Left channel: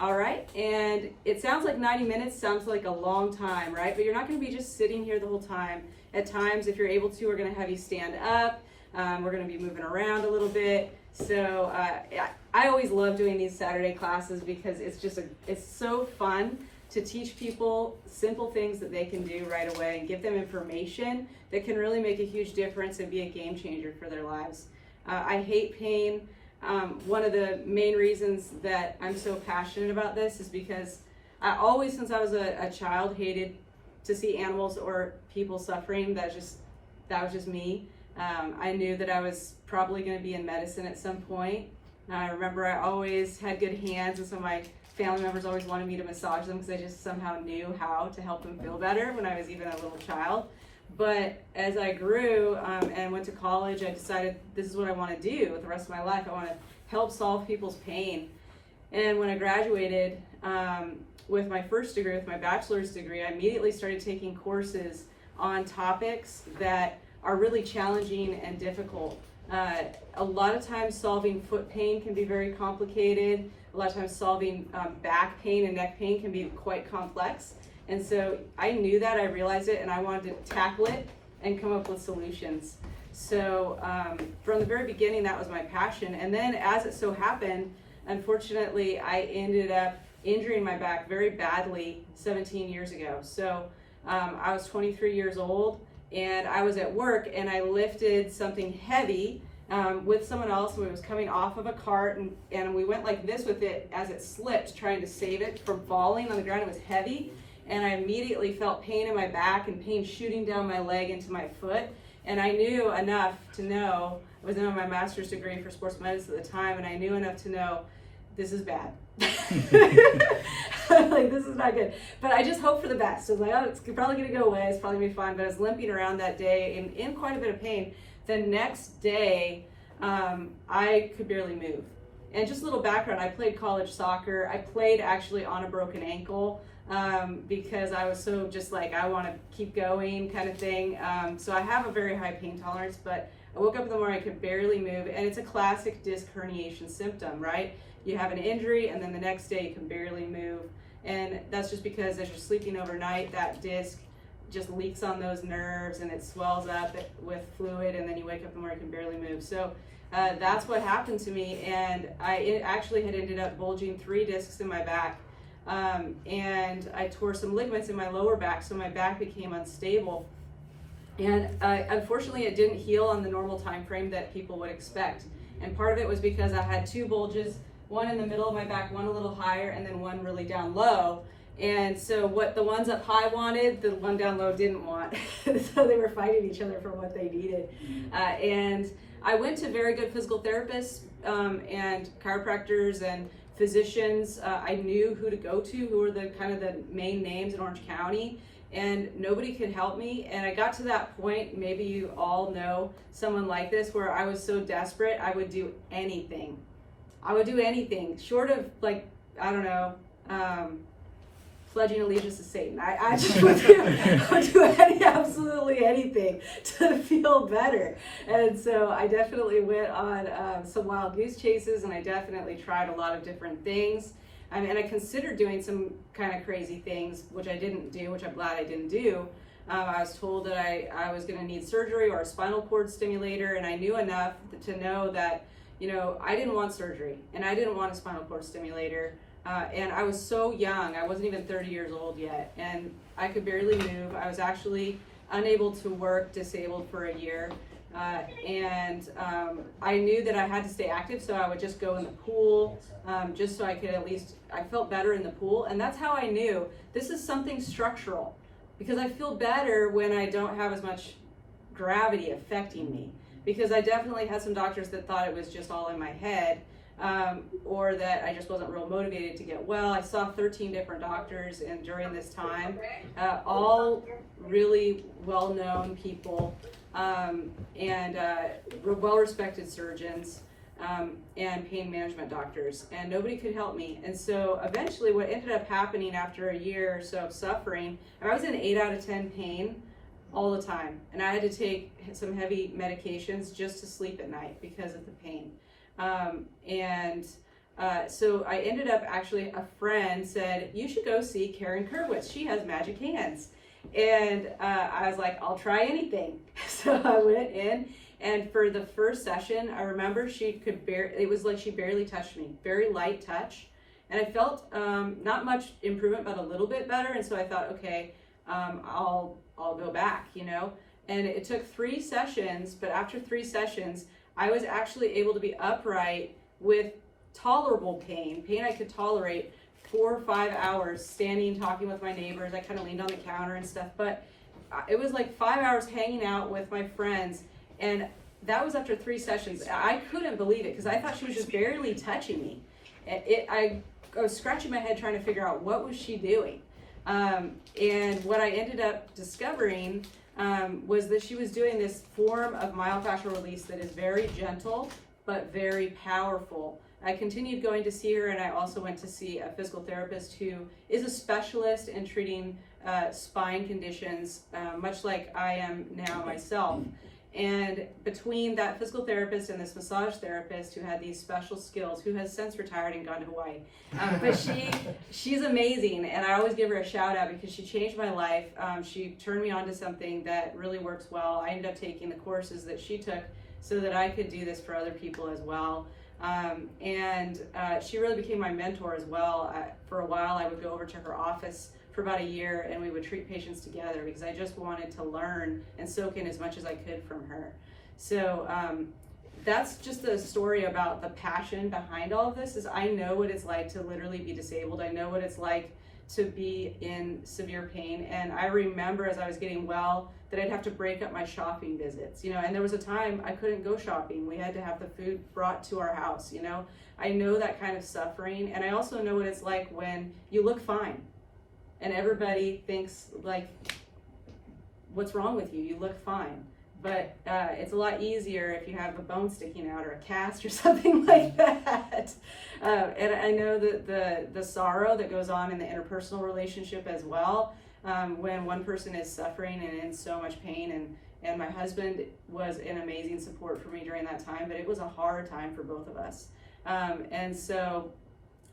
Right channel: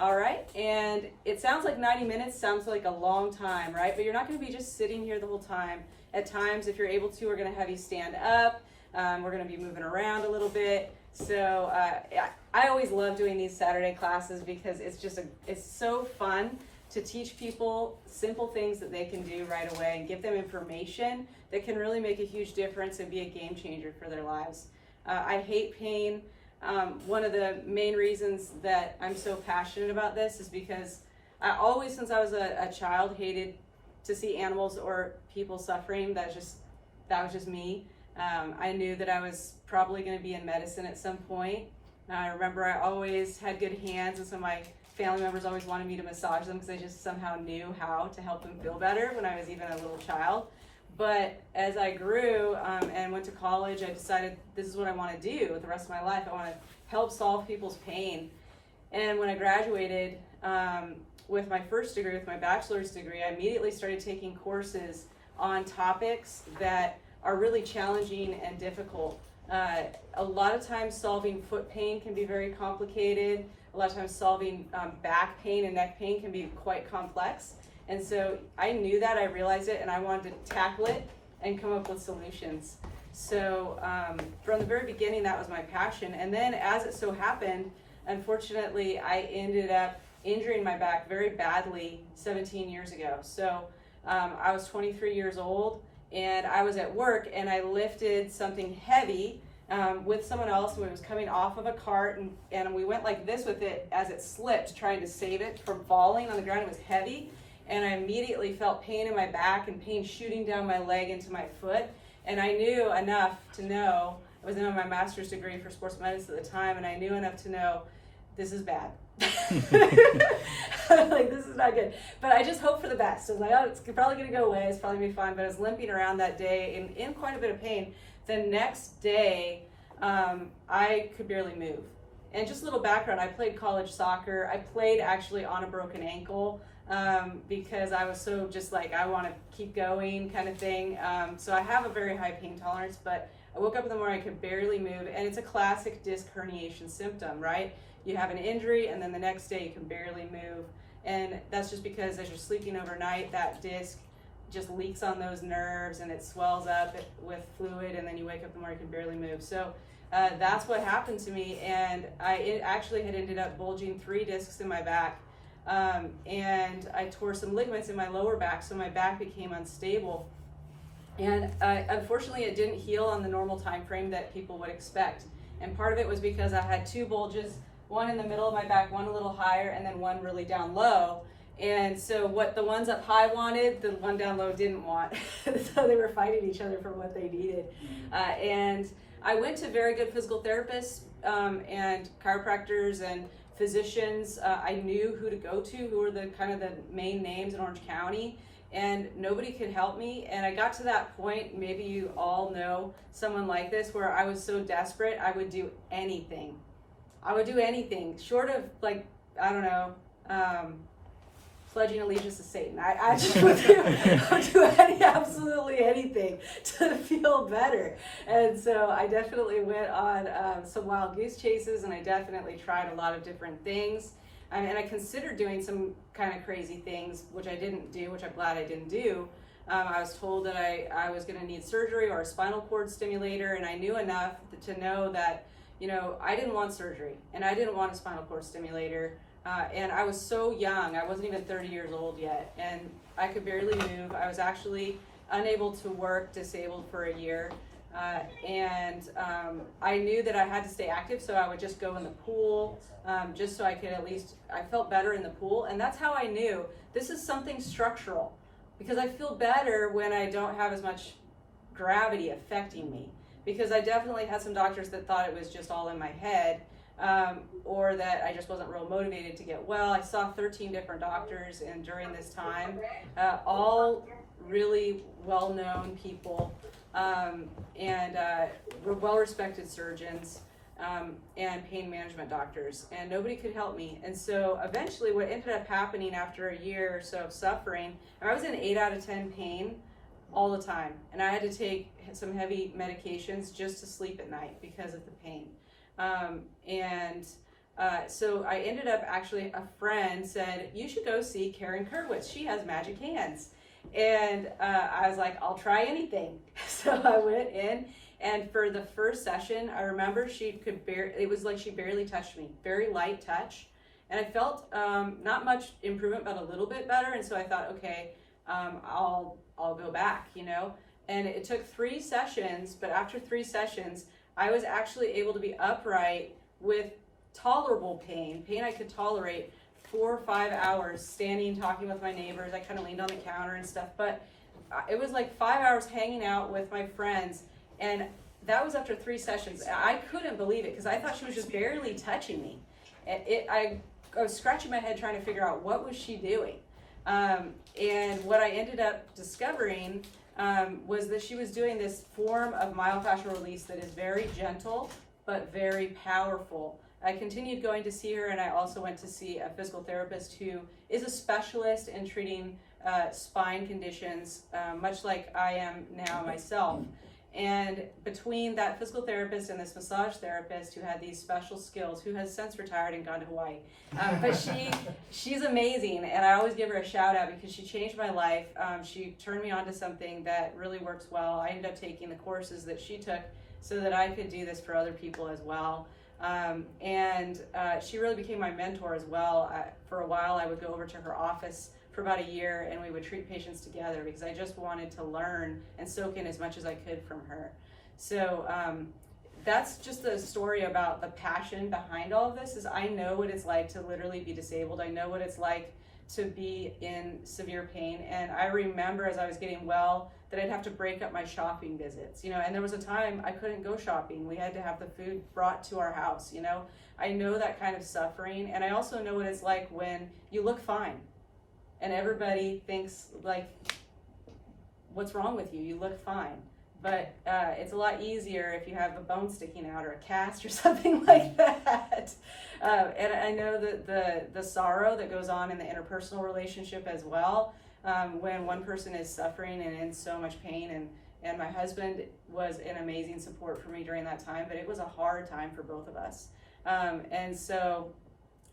All right, and it sounds like 90 minutes sounds like a long time, right? But you're not going to be just sitting here the whole time. At times, if you're able to, we're going to have you stand up. We're going to be moving around a little bit. So I always love doing these Saturday classes because it's so fun to teach people simple things that they can do right away and give them information that can really make a huge difference and be a game changer for their lives. I hate pain. One of the main reasons that I'm so passionate about this is because I always, since I was a child, hated to see animals or people suffering. That was just me. I knew that I was probably going to be in medicine at some point. I remember I always had good hands, and so my family members always wanted me to massage them because I just somehow knew how to help them feel better when I was even a little child. But as I grew and went to college, I decided this is what I want to do with the rest of my life. I want to help solve people's pain. And when I graduated with my first degree, with my bachelor's degree, I immediately started taking courses on topics that are really challenging and difficult. A lot of times solving foot pain can be very complicated. A lot of times solving back pain and neck pain can be quite complex. And so I knew that, I realized it, and I wanted to tackle it and come up with solutions. So from the very beginning, that was my passion. And then as it so happened, unfortunately, I ended up injuring my back very badly 17 years ago. So I was 23 years old, and I was at work, and I lifted something heavy with someone else who was coming off of a cart, and we went like this with it as it slipped, trying to save it from falling on the ground. It was heavy. And I immediately felt pain in my back and pain shooting down my leg into my foot. And I knew enough to know, I was in my master's degree for sports medicine at the time, and I knew enough to know this is bad. Like, this is not good. But I just hoped for the best. I was like, oh, it's probably going to go away. It's probably going to be fine. But I was limping around that day in quite a bit of pain. The next day, I could barely move. And just a little background, I played college soccer. I played actually on a broken ankle. Because I was so just like, I want to keep going kind of thing. So I have a very high pain tolerance, but I woke up in the morning, I could barely move, and it's a classic disc herniation symptom, right? You have an injury, and then the next day you can barely move. And that's just because as you're sleeping overnight, that disc just leaks on those nerves and it swells up with fluid, and then you wake up in the morning and can barely move. So that's what happened to me, and I actually had ended up bulging 3 discs in my back. And I tore some ligaments in my lower back, so my back became unstable. And unfortunately, it didn't heal on the normal time frame that people would expect. And part of it was because I had 2 bulges, one in the middle of my back, one a little higher, and then one really down low. And so what the ones up high wanted, the one down low didn't want. So they were fighting each other for what they needed. And I went to very good physical therapists and chiropractors and physicians. I knew who to go to, who were the kind of the main names in Orange County, and nobody could help me. And I got to that point, maybe you all know someone like this, where I was so desperate, I would do anything. I would do anything, short of, like, I don't know, pledging allegiance to Satan. I just would do absolutely anything to feel better. And so I definitely went on some wild goose chases, and I definitely tried a lot of different things. And I considered doing some kind of crazy things, which I didn't do, which I'm glad I didn't do. I was told that I was going to need surgery or a spinal cord stimulator, and I knew enough to know that, you know, I didn't want surgery, and I didn't want a spinal cord stimulator. And I was so young, I wasn't even 30 years old yet, and I could barely move. I was actually unable to work, disabled for a year, and I knew that I had to stay active, so I would just go in the pool, just so I could at least, I felt better in the pool, and that's how I knew this is something structural, because I feel better when I don't have as much gravity affecting me, because I definitely had some doctors that thought it was just all in my head, or that I just wasn't real motivated to get well. I saw 13 different doctors and during this time, all really well-known people, and well-respected surgeons, and pain management doctors, and nobody could help me. And so eventually what ended up happening after a year or so of suffering, I was in 8 out of 10 pain all the time, and I had to take some heavy medications just to sleep at night because of the pain. And So I ended up, actually, a friend said, you should go see Karen Kerwitz. She has magic hands. And I was like, I'll try anything. So I went in, and for the first session, I remember it was like she barely touched me, very light touch. And I felt not much improvement, but a little bit better. And so I thought, okay, I'll go back, you know. And it took 3 sessions, but after 3 sessions, I was actually able to be upright with tolerable pain I could tolerate, 4 or 5 hours standing, talking with my neighbors. I kind of leaned on the counter and stuff, but it was like 5 hours hanging out with my friends, and that was after 3 sessions. I couldn't believe it because I thought she was just barely touching me. I was scratching my head trying to figure out what was she doing, and what I ended up discovering was that she was doing this form of myofascial release that is very gentle but very powerful. I continued going to see her, and I also went to see a physical therapist who is a specialist in treating spine conditions, much like I am now myself. And between that physical therapist and this massage therapist who had these special skills, who has since retired and gone to Hawaii, but she's amazing, and I always give her a shout out because she changed my life. She turned me on to something that really works well. I ended up taking the courses that she took so that I could do this for other people as well. And she really became my mentor as well. For a while, I would go over to her office for about a year, and we would treat patients together because I just wanted to learn and soak in as much as I could from her. So that's just a story about the passion behind all of this. Is I know what it's like to literally be disabled. I know what it's like to be in severe pain. And I remember as I was getting well that I'd have to break up my shopping visits, you know, and there was a time I couldn't go shopping. We had to have the food brought to our house, you know. I know that kind of suffering, and I also know what it's like when you look fine and everybody thinks like, what's wrong with you? You look fine. But it's a lot easier if you have a bone sticking out or a cast or something like that. And I know that the sorrow that goes on in the interpersonal relationship as well, when one person is suffering and in so much pain. And my husband was an amazing support for me during that time, but it was a hard time for both of us. And so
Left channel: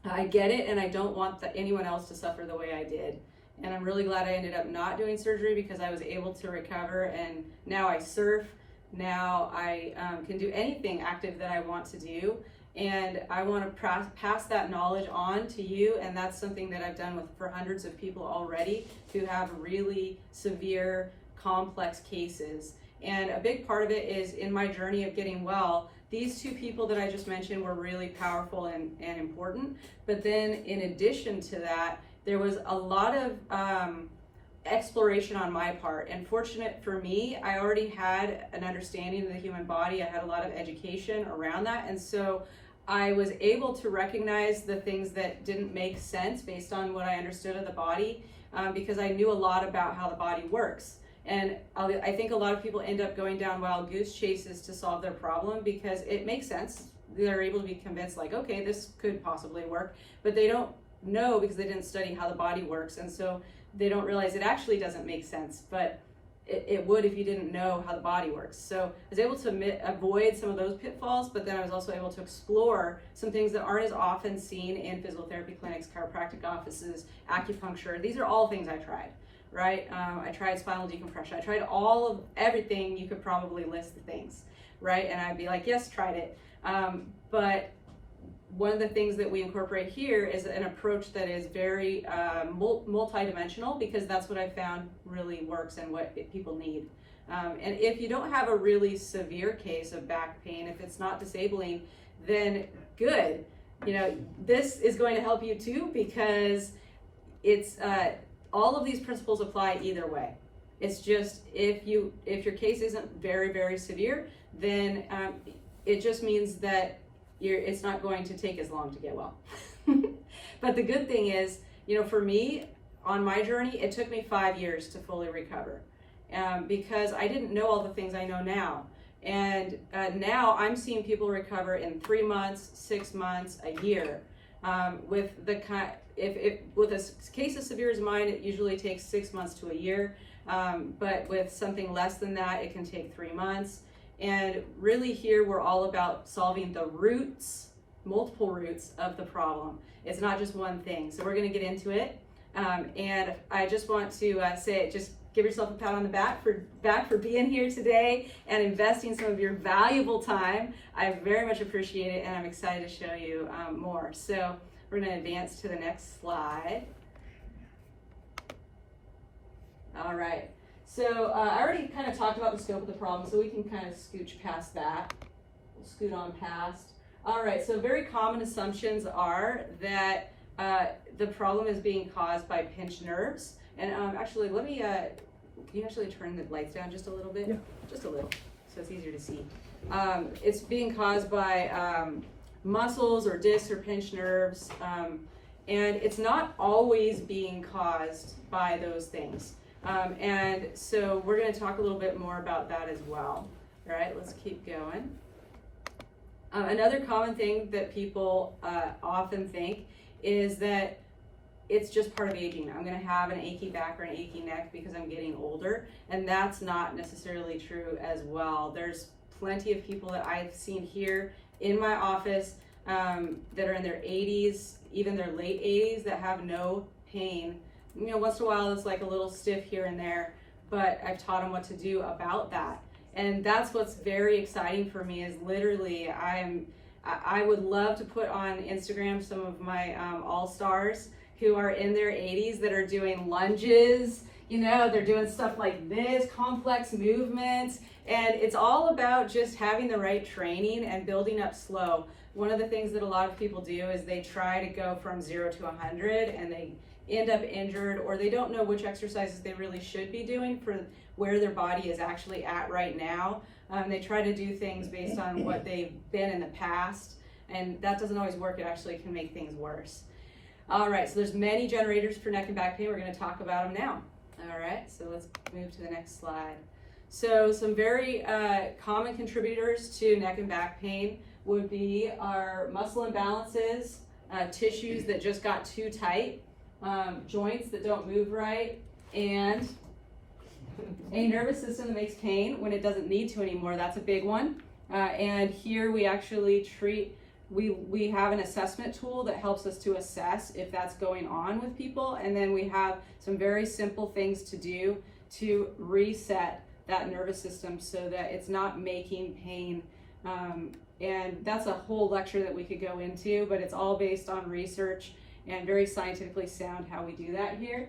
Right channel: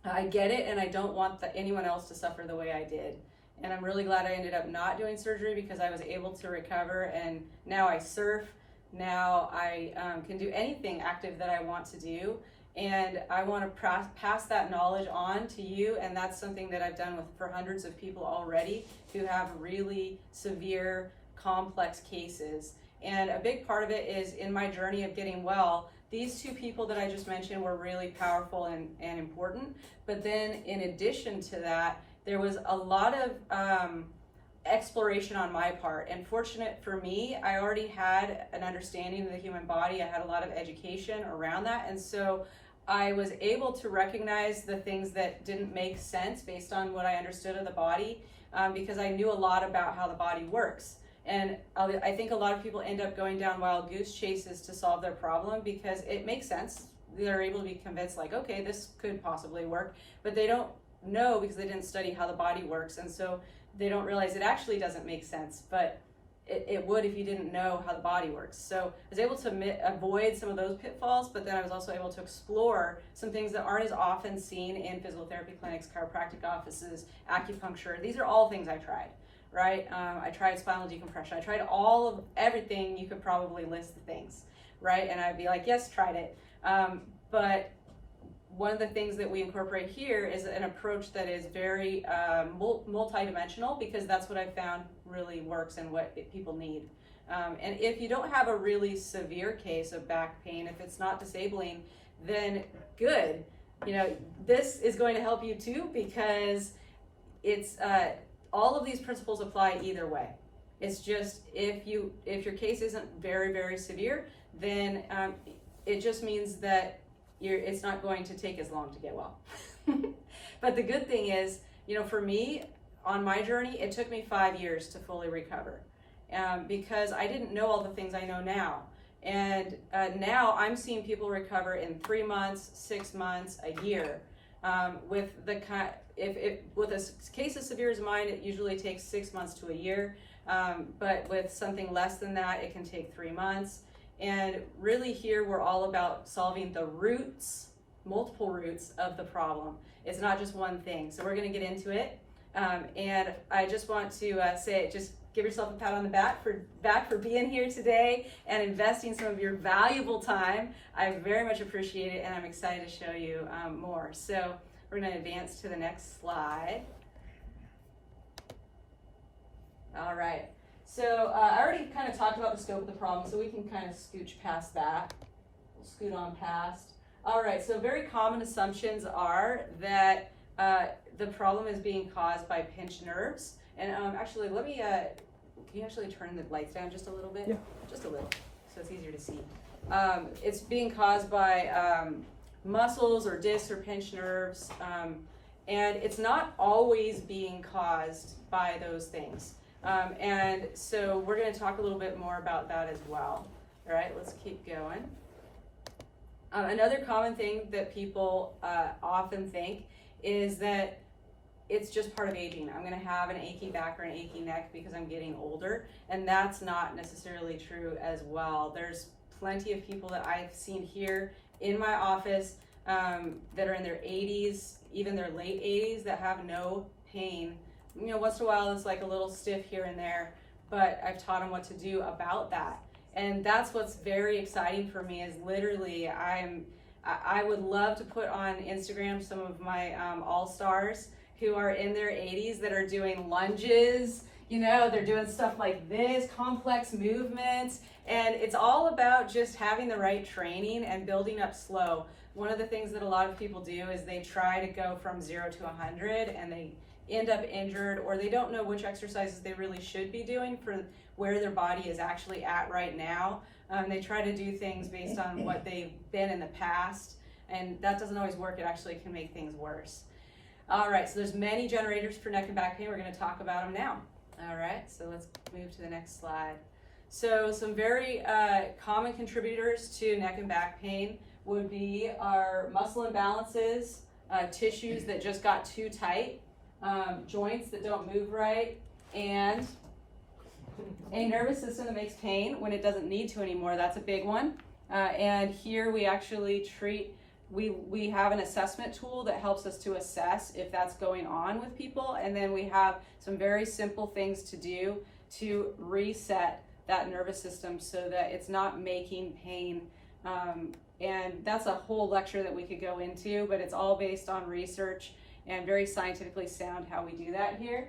I get it, and I don't want anyone else to suffer the way I did. And I'm really glad I ended up not doing surgery because I was able to recover, and now I surf. Now I can do anything active that I want to do, and I want to pass that knowledge on to you, and that's something that I've done for hundreds of people already who have really severe, complex cases. And a big part of it is in my journey of getting well, these 2 people that I just mentioned were really powerful and important, but then in addition to that, there was a lot of exploration on my part. And fortunate for me, I already had an understanding of the human body. I had a lot of education around that. And so I was able to recognize the things that didn't make sense based on what I understood of the body, because I knew a lot about how the body works. And I think a lot of people end up going down wild goose chases to solve their problem because it makes sense. They're able to be convinced like, okay, this could possibly work, but they don't know because they didn't study how the body works, and so they don't realize it actually doesn't make sense, but it would if you didn't know how the body works. So I was able to avoid some of those pitfalls, but then I was also able to explore some things that aren't as often seen in physical therapy clinics, chiropractic offices, acupuncture. These are all things I tried, right? I tried spinal decompression. I tried everything. You could probably list the things, right? And I'd be like, yes, tried it. But one of the things that we incorporate here is an approach that is very multidimensional, because that's what I found really works and what people need. And if you don't have a really severe case of back pain, if it's not disabling, then good. You know, this is going to help you too, because it's all of these principles apply either way. It's just if your case isn't very, very severe, then it just means that it's not going to take as long to get well. But the good thing is, you know, for me, on my journey, it took me 5 years to fully recover, because I didn't know all the things I know now. And now I'm seeing people recover in 3 months, 6 months, a year. With a case as severe as mine, it usually takes 6 months to a year. But with something less than that, it can take 3 months. And really here, we're all about solving the roots multiple roots of the problem. It's not just one thing. So we're going to get into it. And I just want to say, just give yourself a pat on the back for being here today and investing some of your valuable time. I very much appreciate it, and I'm excited to show you more. So we're going to advance to the next slide. All right. So I already kind of talked about the scope of the problem, so we can kind of scooch past that. We'll scoot on past. All right. So very common assumptions are that the problem is being caused by pinched nerves. And actually, let me, can you actually turn the lights down just a little bit? Yeah. Just a little, so it's easier to see. It's being caused by muscles or discs or pinched nerves. And it's not always being caused by those things. And so we're going to talk a little bit more about that as well. All right, let's keep going. Another common thing that people often think is that it's just part of aging. I'm going to have an achy back or an achy neck because I'm getting older, and that's not necessarily true as well. There's plenty of people that I've seen here in my office that are in their 80s, even their late 80s, that have no pain. You know, once in a while it's like a little stiff here and there, but I've taught them what to do about that. And that's what's very exciting for me, is literally I would love to put on Instagram some of my all-stars who are in their 80s that are doing lunges, you know, they're doing stuff like this, complex movements, and it's all about just having the right training and building up slow. One of the things that a lot of people do is they try to go from 0 to 100 and they end up injured, or they don't know which exercises they really should be doing for where their body is actually at right now. They try to do things based on what they've been in the past, and that doesn't always work. It actually can make things worse. All right, so there's many generators for neck and back pain. We're going to talk about them now. All right, so let's move to the next slide. So some very common contributors to neck and back pain would be our muscle imbalances, tissues that just got too tight, joints that don't move right, and a nervous system that makes pain when it doesn't need to anymore. That's a big one. And here we actually treat, we have an assessment tool that helps us to assess if that's going on with people. And then we have some very simple things to do to reset that nervous system so that it's not making pain. And that's a whole lecture that we could go into, but it's all based on research and very scientifically sound how we do that here.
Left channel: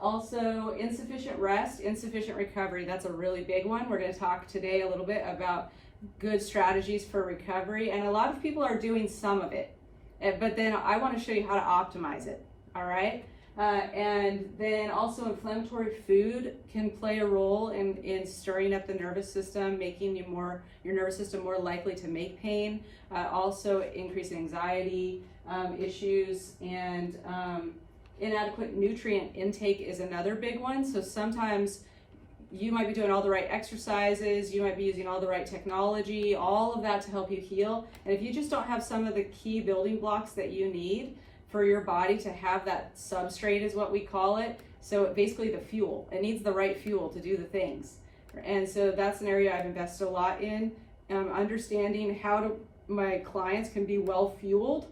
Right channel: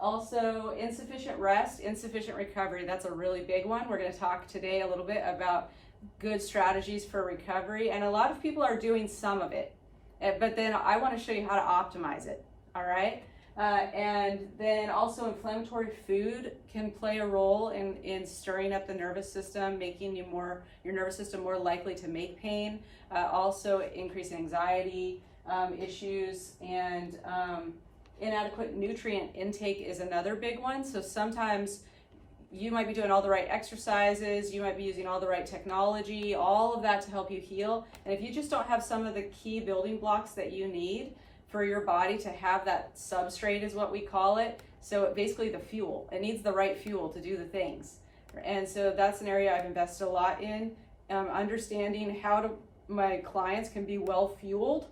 Also, insufficient rest, insufficient recovery. That's a really big one. We're going to talk today a little bit about good strategies for recovery, and a lot of people are doing some of it, but then I want to show you how to optimize it. All right. And then also inflammatory food can play a role in stirring up the nervous system, making your nervous system more likely to make pain. Also increase anxiety issues, and inadequate nutrient intake is another big one. So sometimes you might be doing all the right exercises, you might be using all the right technology, all of that to help you heal. And if you just don't have some of the key building blocks that you need for your body to have that substrate, is what we call it. So basically the fuel, it needs the right fuel to do the things. And so that's an area I've invested a lot in, understanding how my clients can be well fueled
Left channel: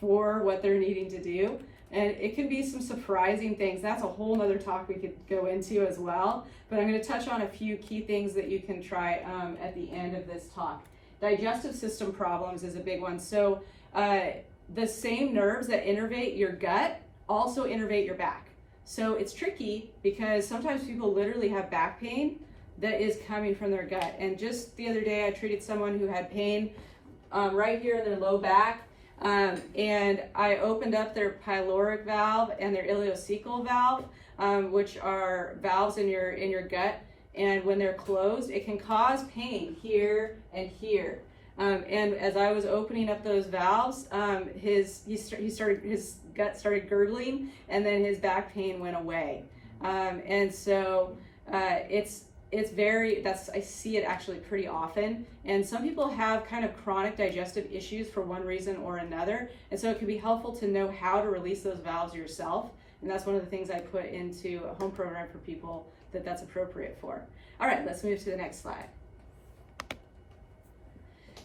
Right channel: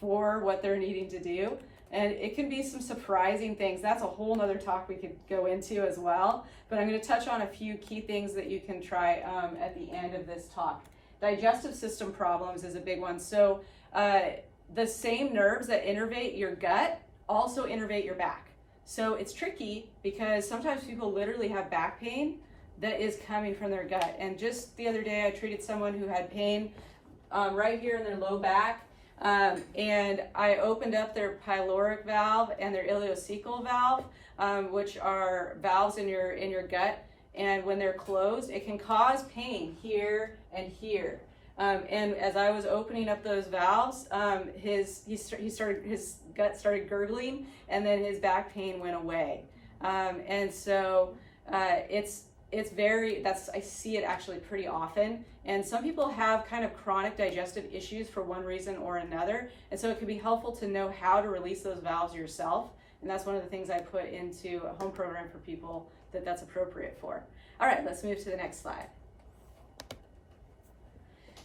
for what they're needing to do. And it can be some surprising things. That's a whole nother talk we could go into as well. But I'm going to touch on a few key things that you can try at the end of this talk. Digestive system problems is a big one. So the same nerves that innervate your gut also innervate your back. So it's tricky because sometimes people literally have back pain that is coming from their gut. And just the other day I treated someone who had pain right here in their low back. And I opened up their pyloric valve and their ileocecal valve, which are valves in your gut. And when they're closed, it can cause pain here and here. And as I was opening up those valves, his gut started gurgling, and then his back pain went away. And so I see it actually pretty often. And some people have kind of chronic digestive issues for one reason or another. And so it can be helpful to know how to release those valves yourself. And that's one of the things I put into a home program for people that's appropriate for. All right, let's move to the next slide.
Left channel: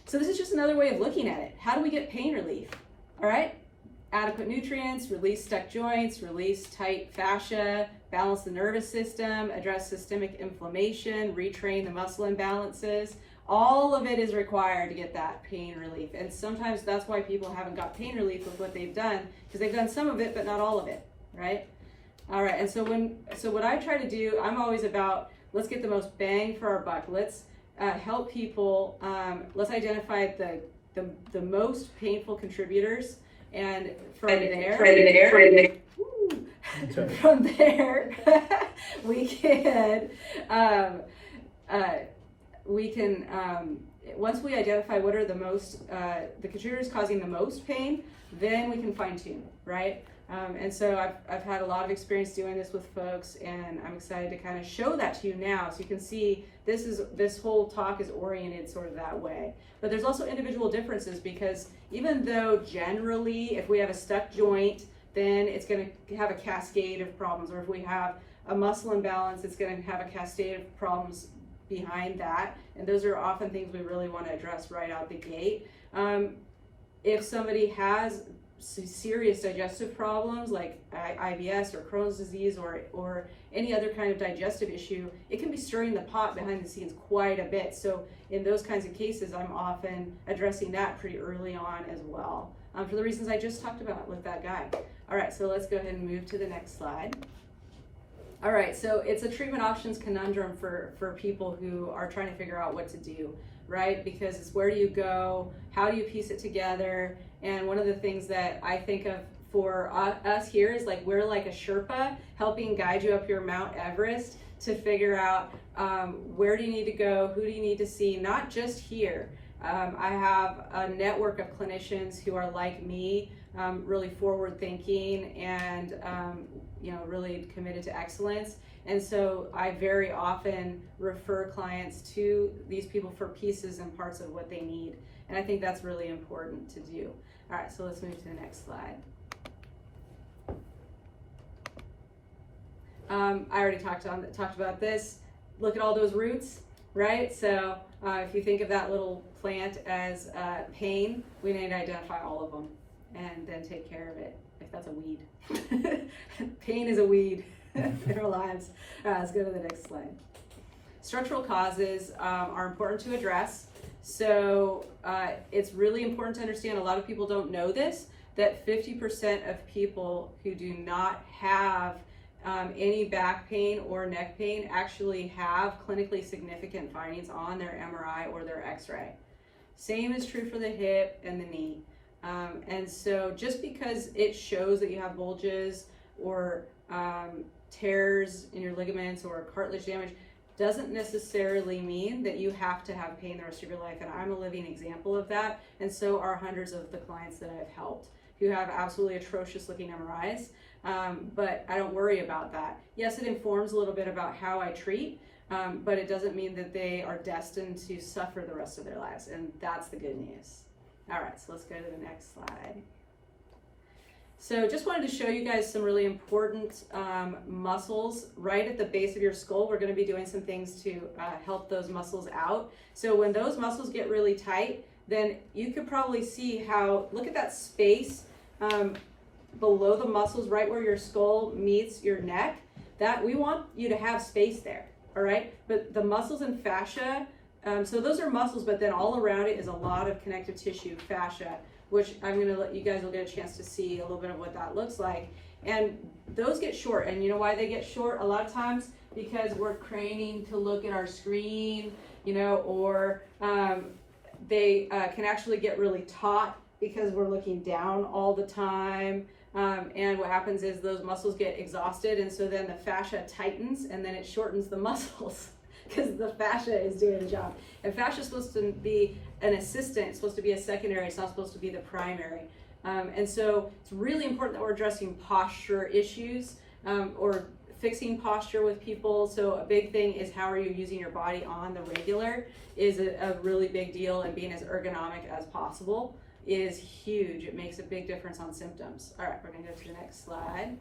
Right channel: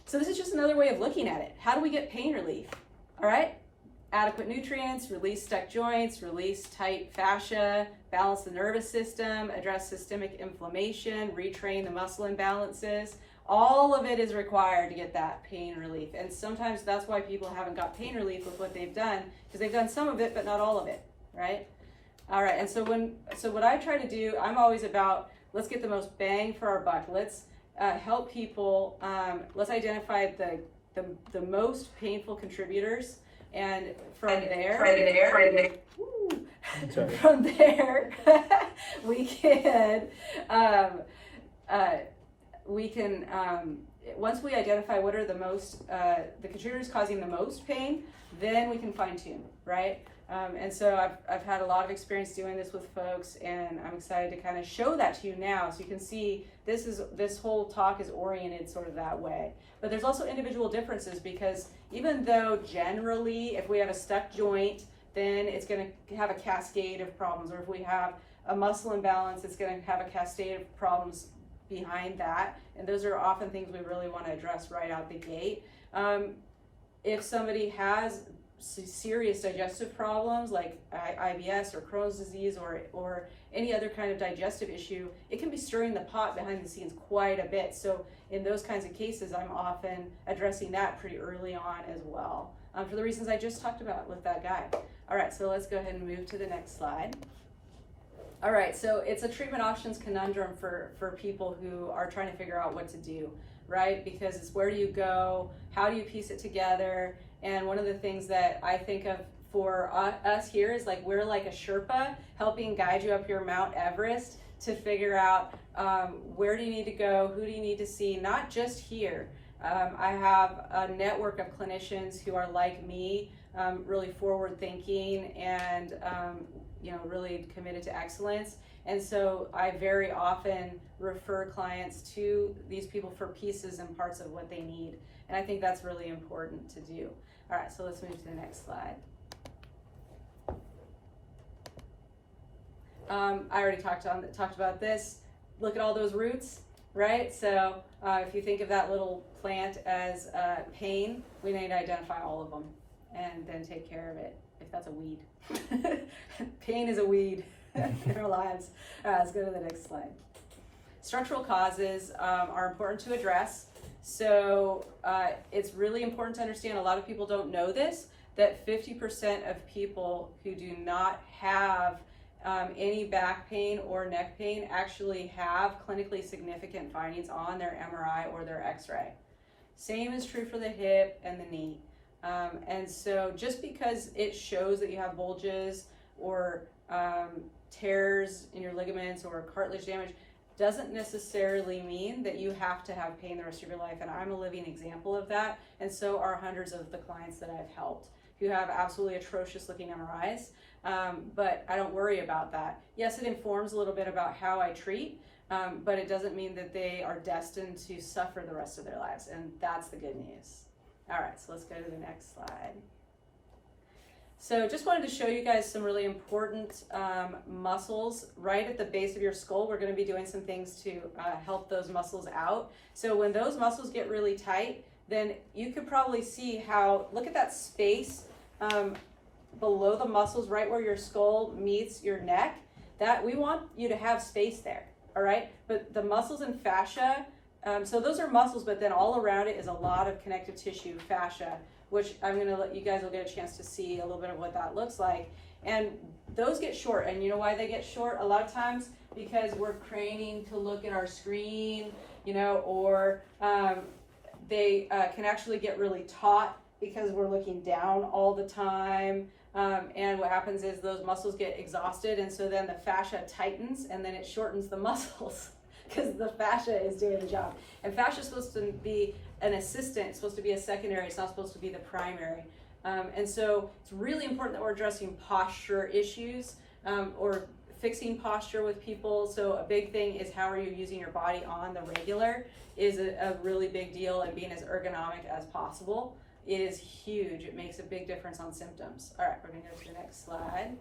So this is just another way of looking at it. How do we get pain relief? All right, adequate nutrients, release stuck joints, release tight fascia, balance the nervous system, address systemic inflammation, retrain the muscle imbalances. All of it is required to get that pain relief. And sometimes that's why people haven't got pain relief with what they've done, because they've done some of it, but not all of it, right? All right, and so what I try to do, I'm always about, let's get the most bang for our buck. Let's help people, let's identify the most painful contributors, and from there, we can once we identify what are the contributors causing the most pain, then we can fine tune, right? And so I've had a lot of experience doing this with folks, and I'm excited to kind of show that to you now, so you can see this whole talk is oriented sort of that way. But there's also individual differences, because even though generally if we have a stuck joint, then it's going to have a cascade of problems, or if we have a muscle imbalance, it's going to have a cascade of problems behind that, and those are often things we really want to address right out the gate. If somebody has serious digestive problems like IBS or Crohn's disease or any other kind of digestive issue, it can be stirring the pot behind the scenes quite a bit. So in those kinds of cases, I'm often addressing that pretty early on as well, for the reasons I just talked about with that guy. All right, so let's go ahead and move to the next slide. All right, so it's a treatment options conundrum for people who are trying to figure out what to do, right? Because it's where do you go, how do you piece it together? And one of the things that I think of for us here is like we're like a Sherpa helping guide you up your Mount Everest to figure out where do you need to go, who do you need to see, not just here. I have a network of clinicians who are like me, really forward thinking and really committed to excellence. And so I very often refer clients to these people for pieces and parts of what they need. And I think that's really important to do. All right, so let's move to the next slide. I already talked about this. Look at all those roots, right? So if you think of that little plant as pain, we need to identify all of them and then take care of it, if that's a weed. Pain is a weed in our lives. All right, let's go to the next slide. Structural causes are important to address. So it's really important to understand, a lot of people don't know this, that 50% of people who do not have any back pain or neck pain actually have clinically significant findings on their MRI or their X-ray. Same is true for the hip and the knee. And so just because it shows that you have bulges or tears in your ligaments or cartilage damage doesn't necessarily mean that you have to have pain the rest of your life. And I'm a living example of that. And so are hundreds of the clients that I've helped who have absolutely atrocious looking MRIs. But I don't worry about that. Yes, it informs a little bit about how I treat, but it doesn't mean that they are destined to suffer the rest of their lives. And that's the good news. All right, so let's go to the next slide. So just wanted to show you guys some really important muscles right at the base of your skull. We're going to be doing some things to help those muscles out. So when those muscles get really tight, then you could probably see how, look at that space below the muscles right where your skull meets your neck. That we want you to have space there, all right? But the muscles and fascia, so those are muscles, but then all around it is a lot of connective tissue, fascia, which I'm going to let you guys will get a chance to see a little bit of what that looks like. And those get short. And you know why they get short? A lot of times because we're craning to look at our screen, or they can actually get really taut because we're looking down all the time. And what happens is those muscles get exhausted, and so then the fascia tightens, and then it shortens the muscles because the fascia is doing the job. And fascia is supposed to be an assistant, it's supposed to be a secondary, it's not supposed to be the primary. And so it's really important that we're addressing posture issues or fixing posture with people. So a big thing is how are you using your body on the regular is a really big deal, and being as ergonomic as possible is huge. It makes a big difference on symptoms. All right, we're gonna go to the next slide.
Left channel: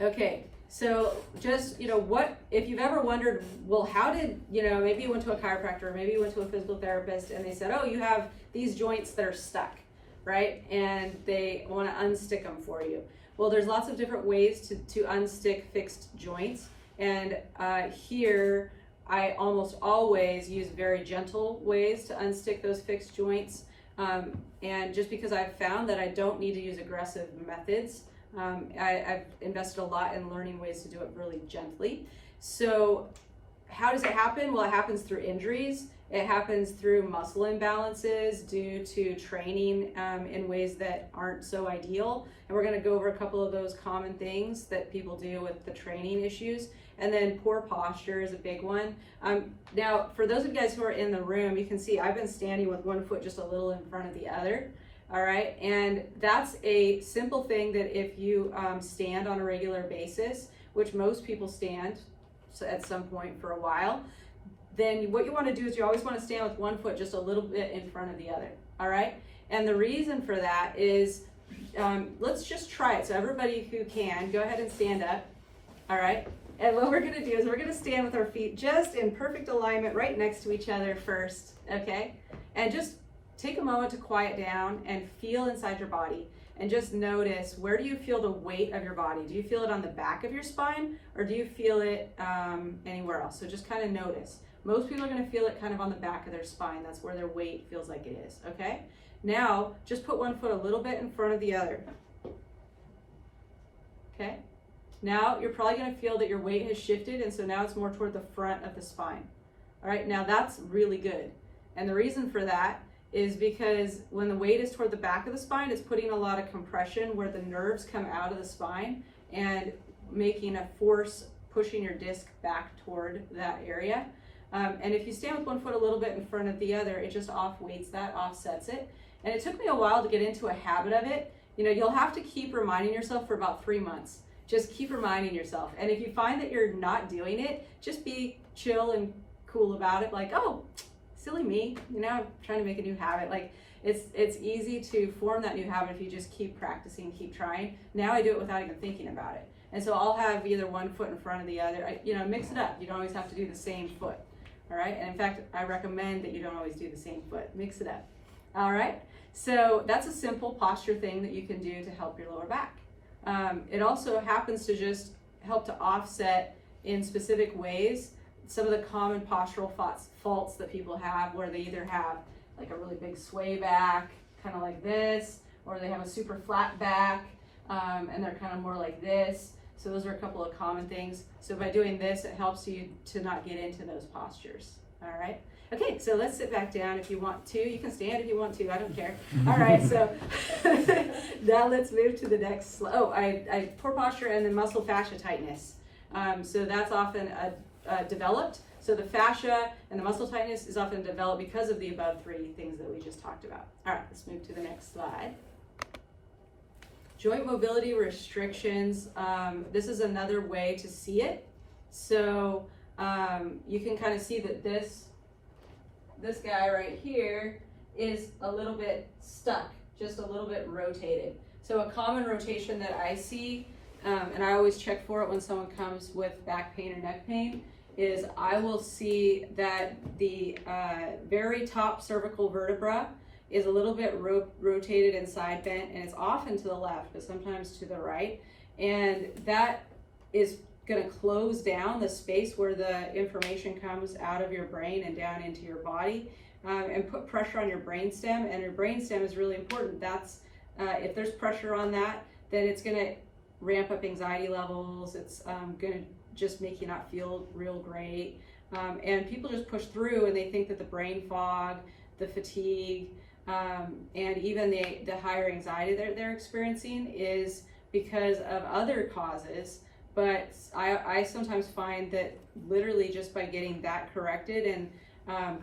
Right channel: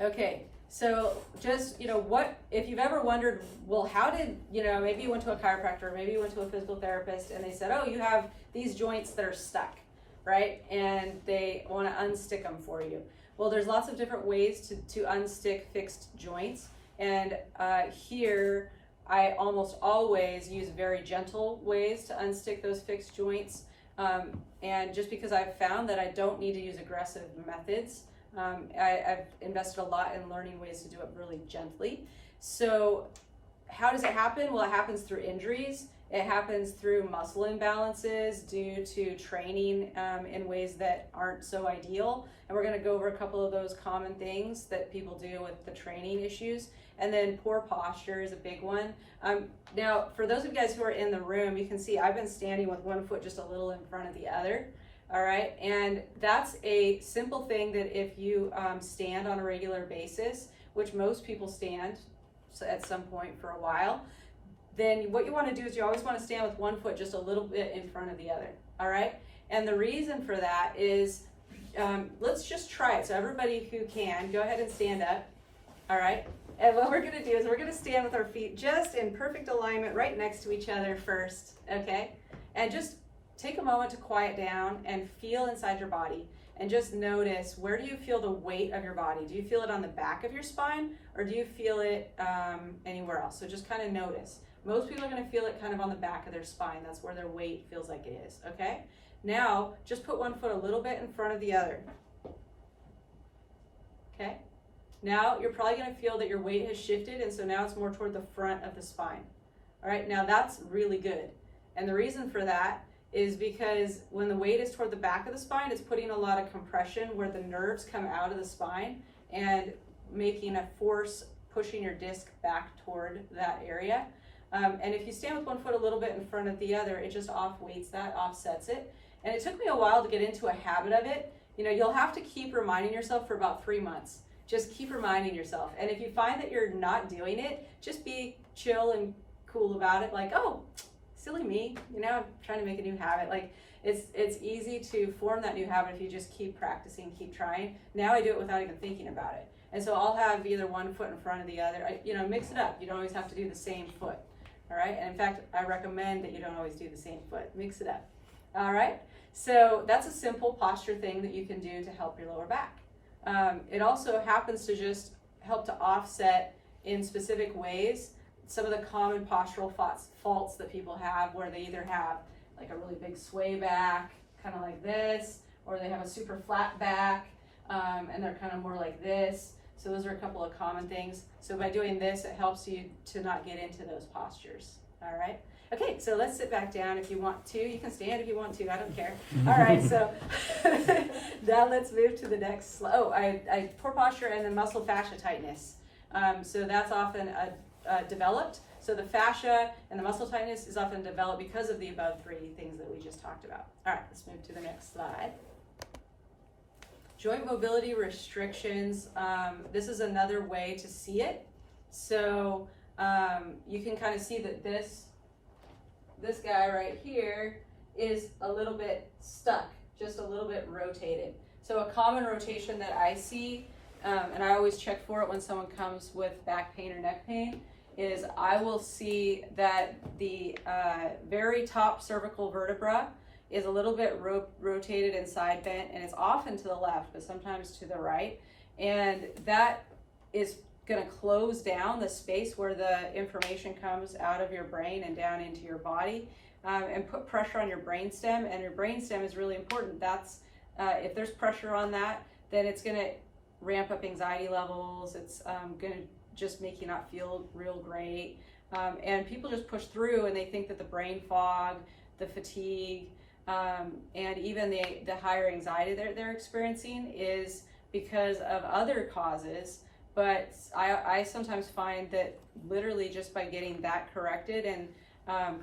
Okay, So just, what, if you've ever wondered, well, how did, maybe you went to a chiropractor, maybe you went to a physical therapist and they said, oh, you have these joints that are stuck, right? And they want to unstick them for you. Well, there's lots of different ways to unstick fixed joints. And here, I almost always use very gentle ways to unstick those fixed joints. And just because I've found that I don't need to use aggressive methods, I've invested a lot in learning ways to do it really gently. So how does it happen? Well, it happens through injuries. It happens through muscle imbalances due to training in ways that aren't so ideal. And we're going to go over a couple of those common things that people do with the training issues. And then poor posture is a big one. Now, for those of you guys who are in the room, you can see I've been standing with one foot just a little in front of the other. All right, and that's a simple thing that if you stand on a regular basis, which most people stand at some point for a while, then what you want to do is you always want to stand with one foot just a little bit in front of the other. All right, and the reason for that is, let's just try it. So everybody who can, go ahead and stand up. All right. And what we're going to do is we're going to stand with our feet just in perfect alignment right next to each other first, okay? And just take a moment to quiet down and feel inside your body and just notice, where do you feel the weight of your body? Do you feel it on the back of your spine or do you feel it anywhere else? So just kind of notice. Most people are going to feel it kind of on the back of their spine. That's where their weight feels like it is, okay? Now, just put one foot a little bit in front of the other, okay? Now you're probably going to feel that your weight has shifted, and so now it's more toward the front of the spine. All right, now that's really good. And the reason for that is because when the weight is toward the back of the spine, it's putting a lot of compression where the nerves come out of the spine and making a force pushing your disc back toward that area. And if you stand with one foot a little bit in front of the other, it just off-weights that, offsets it. And it took me a while to get into a habit of it. You'll have to keep reminding yourself for about 3 months. Just keep reminding yourself. And if you find that you're not doing it, just be chill and cool about it. Like, oh, silly me, I'm trying to make a new habit. Like, it's easy to form that new habit if you just keep practicing, keep trying. Now I do it without even thinking about it. And so I'll have either one foot in front of the other. Mix it up. You don't always have to do the same foot. All right. And in fact, I recommend that you don't always do the same foot. Mix it up. All right. So that's a simple posture thing that you can do to help your lower back. It also happens to just help to offset in specific ways some of the common postural faults that people have, where they either have like a really big sway back, kind of like this, or they have a super flat back, and they're kind of more like this. So those are a couple of common things. So by doing this, it helps you to not get into those postures. All right. Okay, so let's sit back down if you want to. You can stand if you want to, I don't care. All right, so now let's move to the next slide. Oh, I poor posture and then muscle fascia tightness. So that's often developed. So the fascia and the muscle tightness is often developed because of the above 3 things that we just talked about. All right, let's move to the next slide. Joint mobility restrictions. This is another way to see it. So you can kind of see that this guy right here is a little bit stuck, just a little bit rotated. So a common rotation that I see, and I always check for it when someone comes with back pain or neck pain, is I will see that the very top cervical vertebra is a little bit rotated and side bent, and it's often to the left, but sometimes to the right. And that is going to close down the space where the information comes out of your brain and down into your body, and put pressure on your brainstem. And your brainstem is really important. That's if there's pressure on that, then it's going to ramp up anxiety levels. It's going to just make you not feel real great. And people just push through, and they think that the brain fog, the fatigue, and even the higher anxiety they're experiencing is because of other causes. But I sometimes find that literally just by getting that corrected and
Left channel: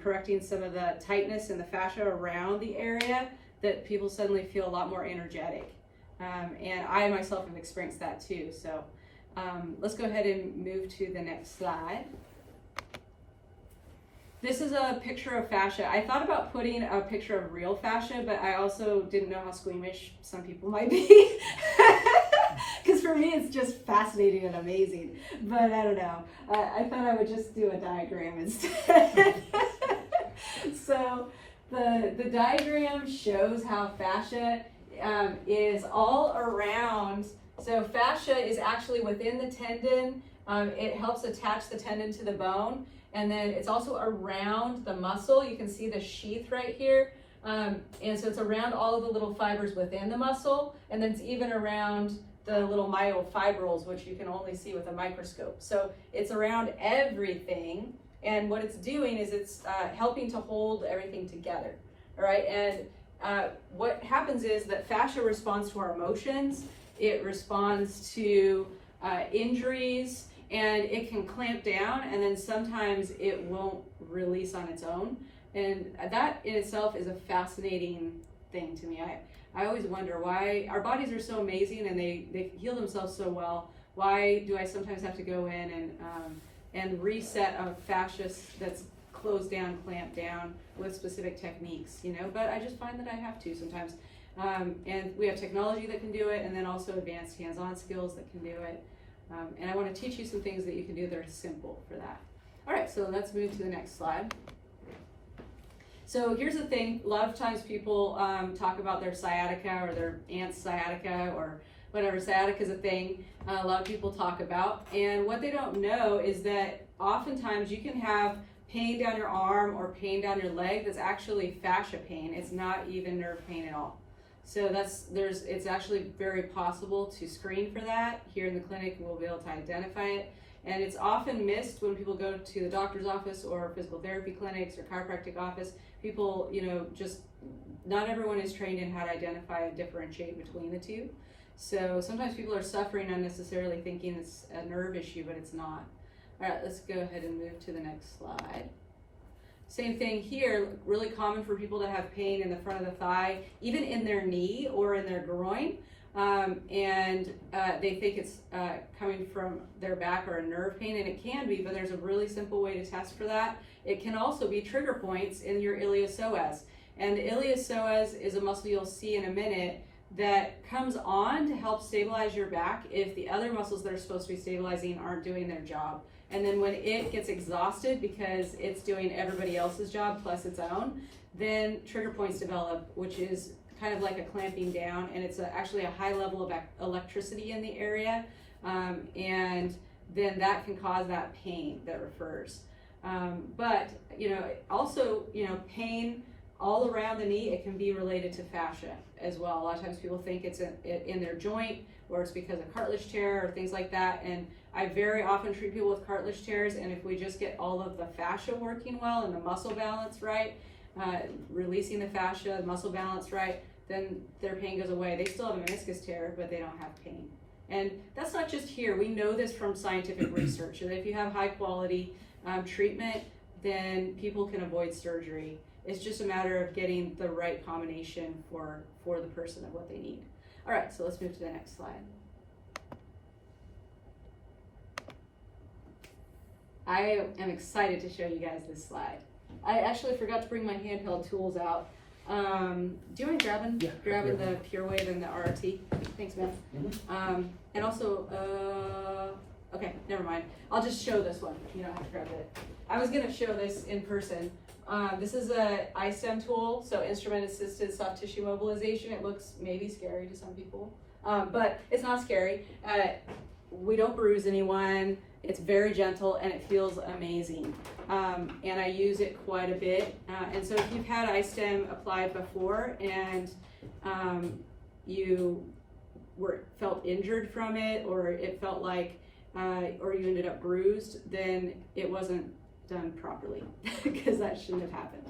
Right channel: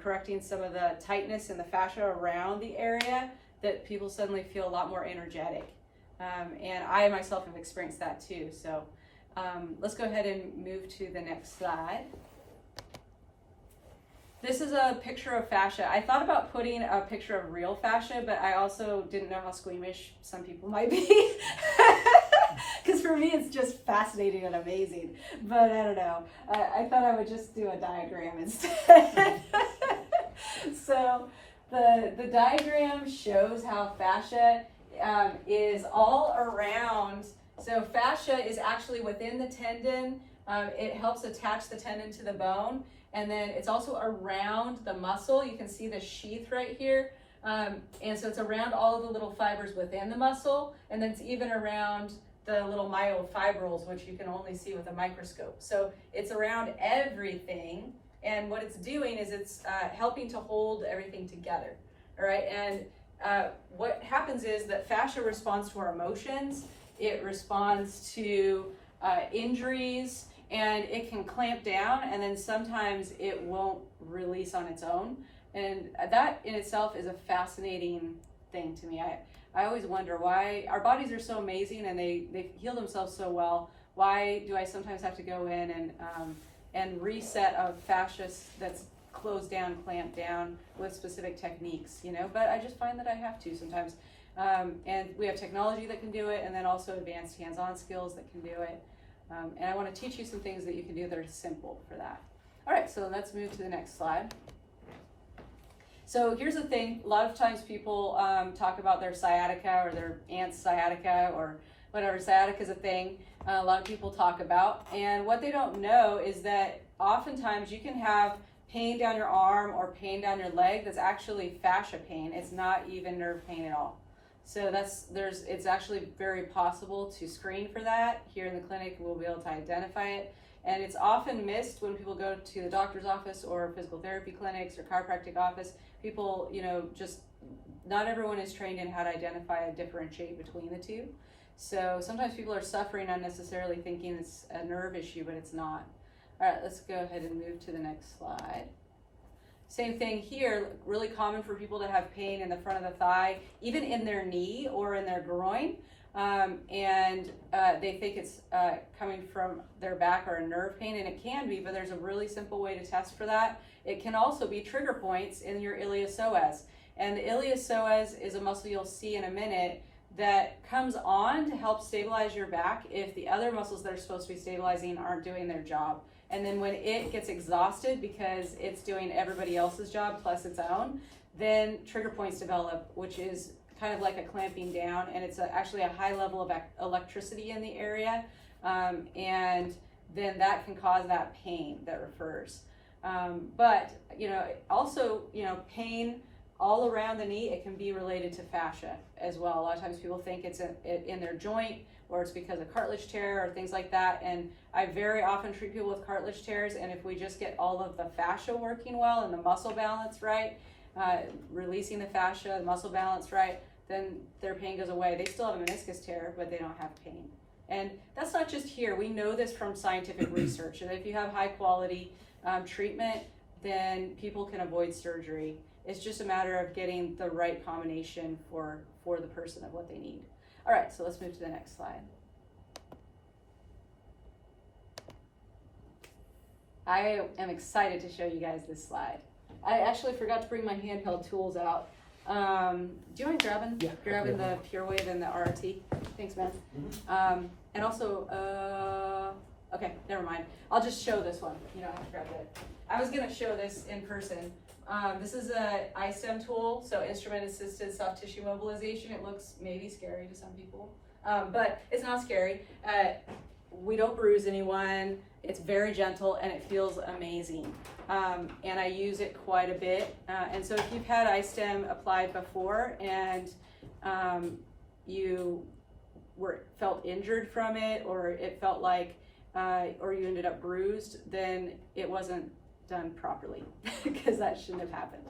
correcting some of the tightness in the fascia around the area, that people suddenly feel a lot more energetic. And I myself have experienced that too. So let's go ahead and move to the next slide. This is a picture of fascia. I thought about putting a picture of real fascia, but I also didn't know how squeamish some people might be. Because for me, it's just fascinating and amazing, but I don't know. I thought I would just do a diagram instead. So the diagram shows how fascia is all around. So fascia is actually within the tendon. It helps attach the tendon to the bone, and then it's also around the muscle. You can see the sheath right here. And so it's around all of the little fibers within the muscle, and then it's even around the little myofibrils, which you can only see with a microscope. So it's around everything, and what it's doing is it's helping to hold everything together, all right? And what happens is that fascia responds to our emotions, it responds to injuries, and it can clamp down, and then sometimes it won't release on its own. And that in itself is a fascinating thing to me. I always wonder why our bodies are so amazing and they heal themselves so well. Why do I sometimes have to go in and reset a fascia that's closed down, clamped down with specific techniques, you know? But I just find that I have to sometimes. And we have technology that can do it, and then also advanced hands-on skills that can do it. And I want to teach you some things that you can do that are simple for that. All right, so let's move to the next slide. So here's the thing, a lot of times people talk about their sciatica or their aunt's sciatica or whatever. Sciatica is a thing a lot of people talk about, and what they don't know is that oftentimes you can have pain down your arm or pain down your leg that's actually fascia pain. It's not even nerve pain at all. So it's actually very possible to screen for that. Here in the clinic, we'll be able to identify it. And it's often missed when people go to the doctor's office or physical therapy clinics or chiropractic office. People, you know, just not everyone is trained in how to identify and differentiate between the two. So sometimes people are suffering unnecessarily thinking it's a nerve issue, but it's not. All right, let's go ahead and move to the next slide. Same thing here, really common for people to have pain in the front of the thigh, even in their knee or in their groin. And they think it's coming from their back or a nerve pain, and it can be, but there's a really simple way to test for that. It can also be trigger points in your iliopsoas. And the iliopsoas is a muscle you'll see in a minute that comes on to help stabilize your back if the other muscles that are supposed to be stabilizing aren't doing their job. And then when it gets exhausted because it's doing everybody else's job plus its own, then trigger points develop, which is kind of like a clamping down, and it's actually a high level of electricity in the area, and then that can cause that pain that refers. But also pain all around the knee, it can be related to fascia as well. A lot of times people think it's in their joint, or it's because of cartilage tear or things like that. And I very often treat people with cartilage tears, and if we just get all of the fascia working well and the muscle balance right, releasing the fascia, the muscle balance right, then their pain goes away. They still have a meniscus tear, but they don't have pain. And that's not just here. We know this from scientific research, that if you have high quality treatment, then people can avoid surgery. It's just a matter of getting the right combination for the person of what they need. All right, so let's move to the next slide. I am excited to show you guys this slide. I actually forgot to bring my handheld tools out. Do you mind grabbing the Pure Wave and the RRT? Thanks, man. Mm-hmm. And also, okay, never mind. I'll just show this one. You don't have to grab it. I was gonna show this in person. This is a iStem tool, so instrument-assisted soft tissue mobilization. It looks maybe scary to some people, but it's not scary. We don't bruise anyone. It's very gentle and it feels amazing. And I use it quite a bit. And so if you've had iStem applied before and you felt injured from it, or it felt like, or you ended up bruised, then it wasn't done properly because that shouldn't have happened.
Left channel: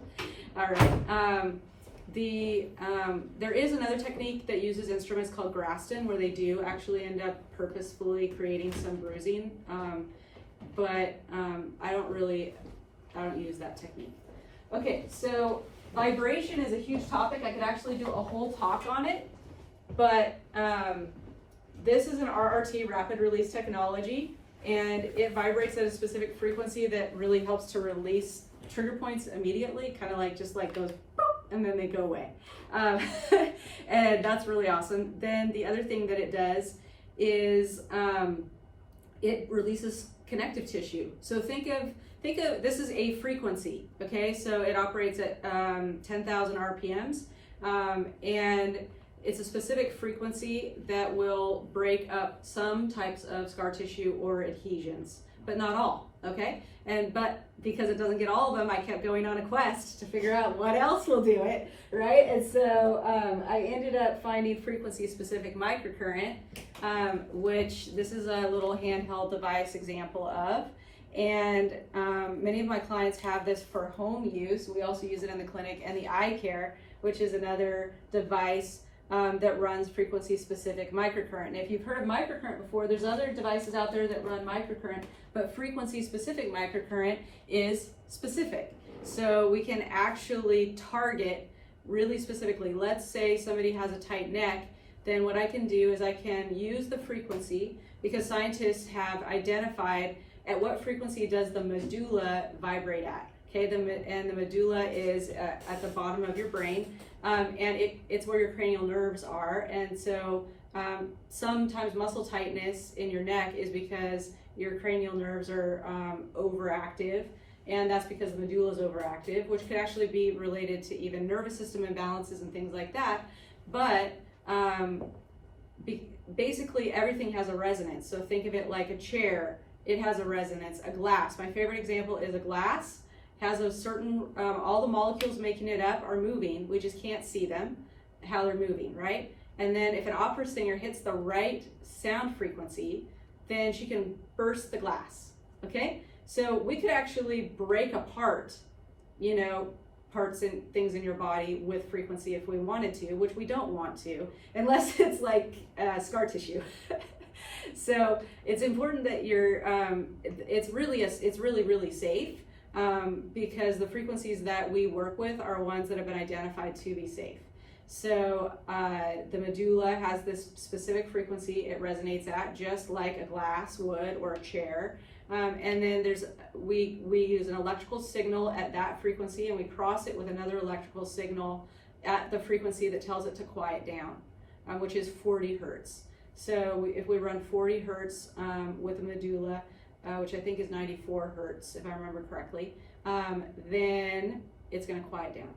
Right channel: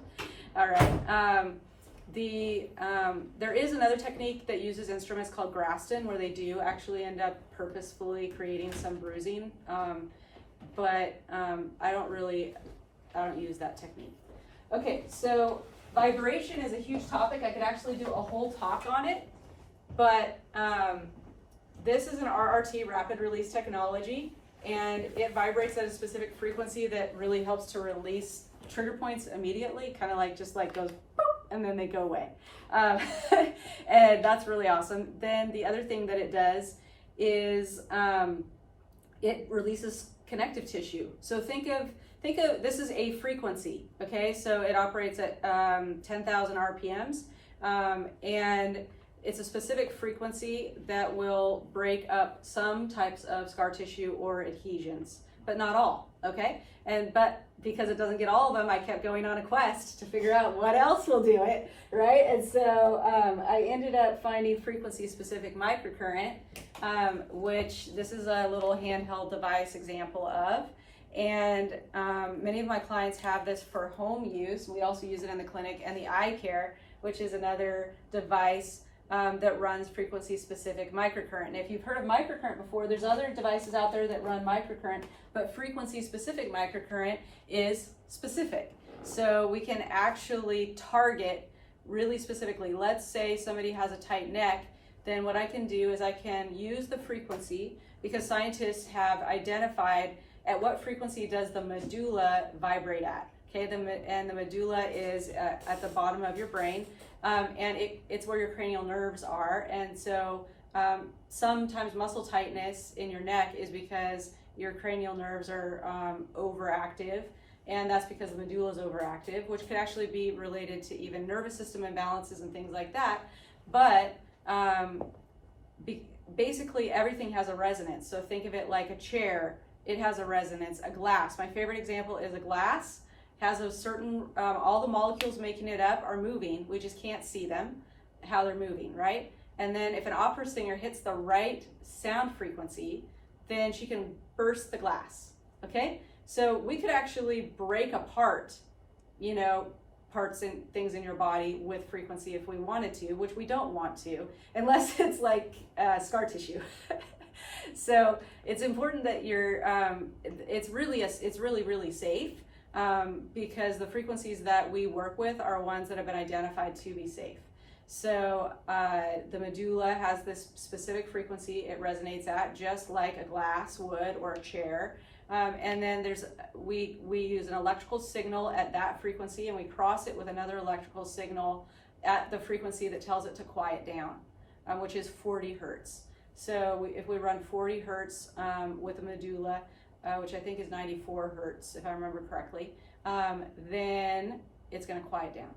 All right. There is another technique that uses instruments called Graston, where they do actually end up purposefully creating some bruising, but I don't use that technique. Okay, so vibration is a huge topic. I could actually do a whole talk on it, but this is an RRT, rapid release technology, and it vibrates at a specific frequency that really helps to release trigger points immediately, kind of like just like goes boop, and then they go away. And that's really awesome. Then the other thing that it does is it releases connective tissue. So think of this is a frequency, okay? So it operates at 10,000 RPMs, and it's a specific frequency that will break up some types of scar tissue or adhesions, but not all, okay? But because it doesn't get all of them, I kept going on a quest to figure out what else will do it, right? And so I ended up finding frequency-specific microcurrent, which this is a little handheld device example of. And many of my clients have this for home use. We also use it in the clinic, and the eye care, which is another device that runs frequency-specific microcurrent. And if you've heard of microcurrent before, there's other devices out there that run microcurrent, but frequency-specific microcurrent is specific. So we can actually target really specifically. Let's say somebody has a tight neck, then what I can do is I can use the frequency, because scientists have identified at what frequency does the medulla vibrate at. Okay, and the medulla is at the bottom of your brain, and it's where your cranial nerves are. And so sometimes muscle tightness in your neck is because your cranial nerves are overactive, and that's because the medulla is overactive, which could actually be related to even nervous system imbalances and things like that. But basically everything has a resonance. So think of it like a chair. It has a resonance. A glass, my favorite example is a glass. Has a certain, all the molecules making it up are moving. We just can't see them, how they're moving, right? And then if an opera singer hits the right sound frequency, then she can burst the glass, okay? So we could actually break apart, parts and things in your body with frequency if we wanted to, which we don't want to, unless it's like scar tissue. So it's important that you're, it's really safe. Because the frequencies that we work with are ones that have been identified to be safe. So the medulla has this specific frequency it resonates at, just like a glass would or a chair. And then we use an electrical signal at that frequency, and we cross it with another electrical signal at the frequency that tells it to quiet down, which is 40 hertz. So if we run 40 hertz with the medulla, which I think is 94 hertz, if I remember correctly, then it's going to quiet down.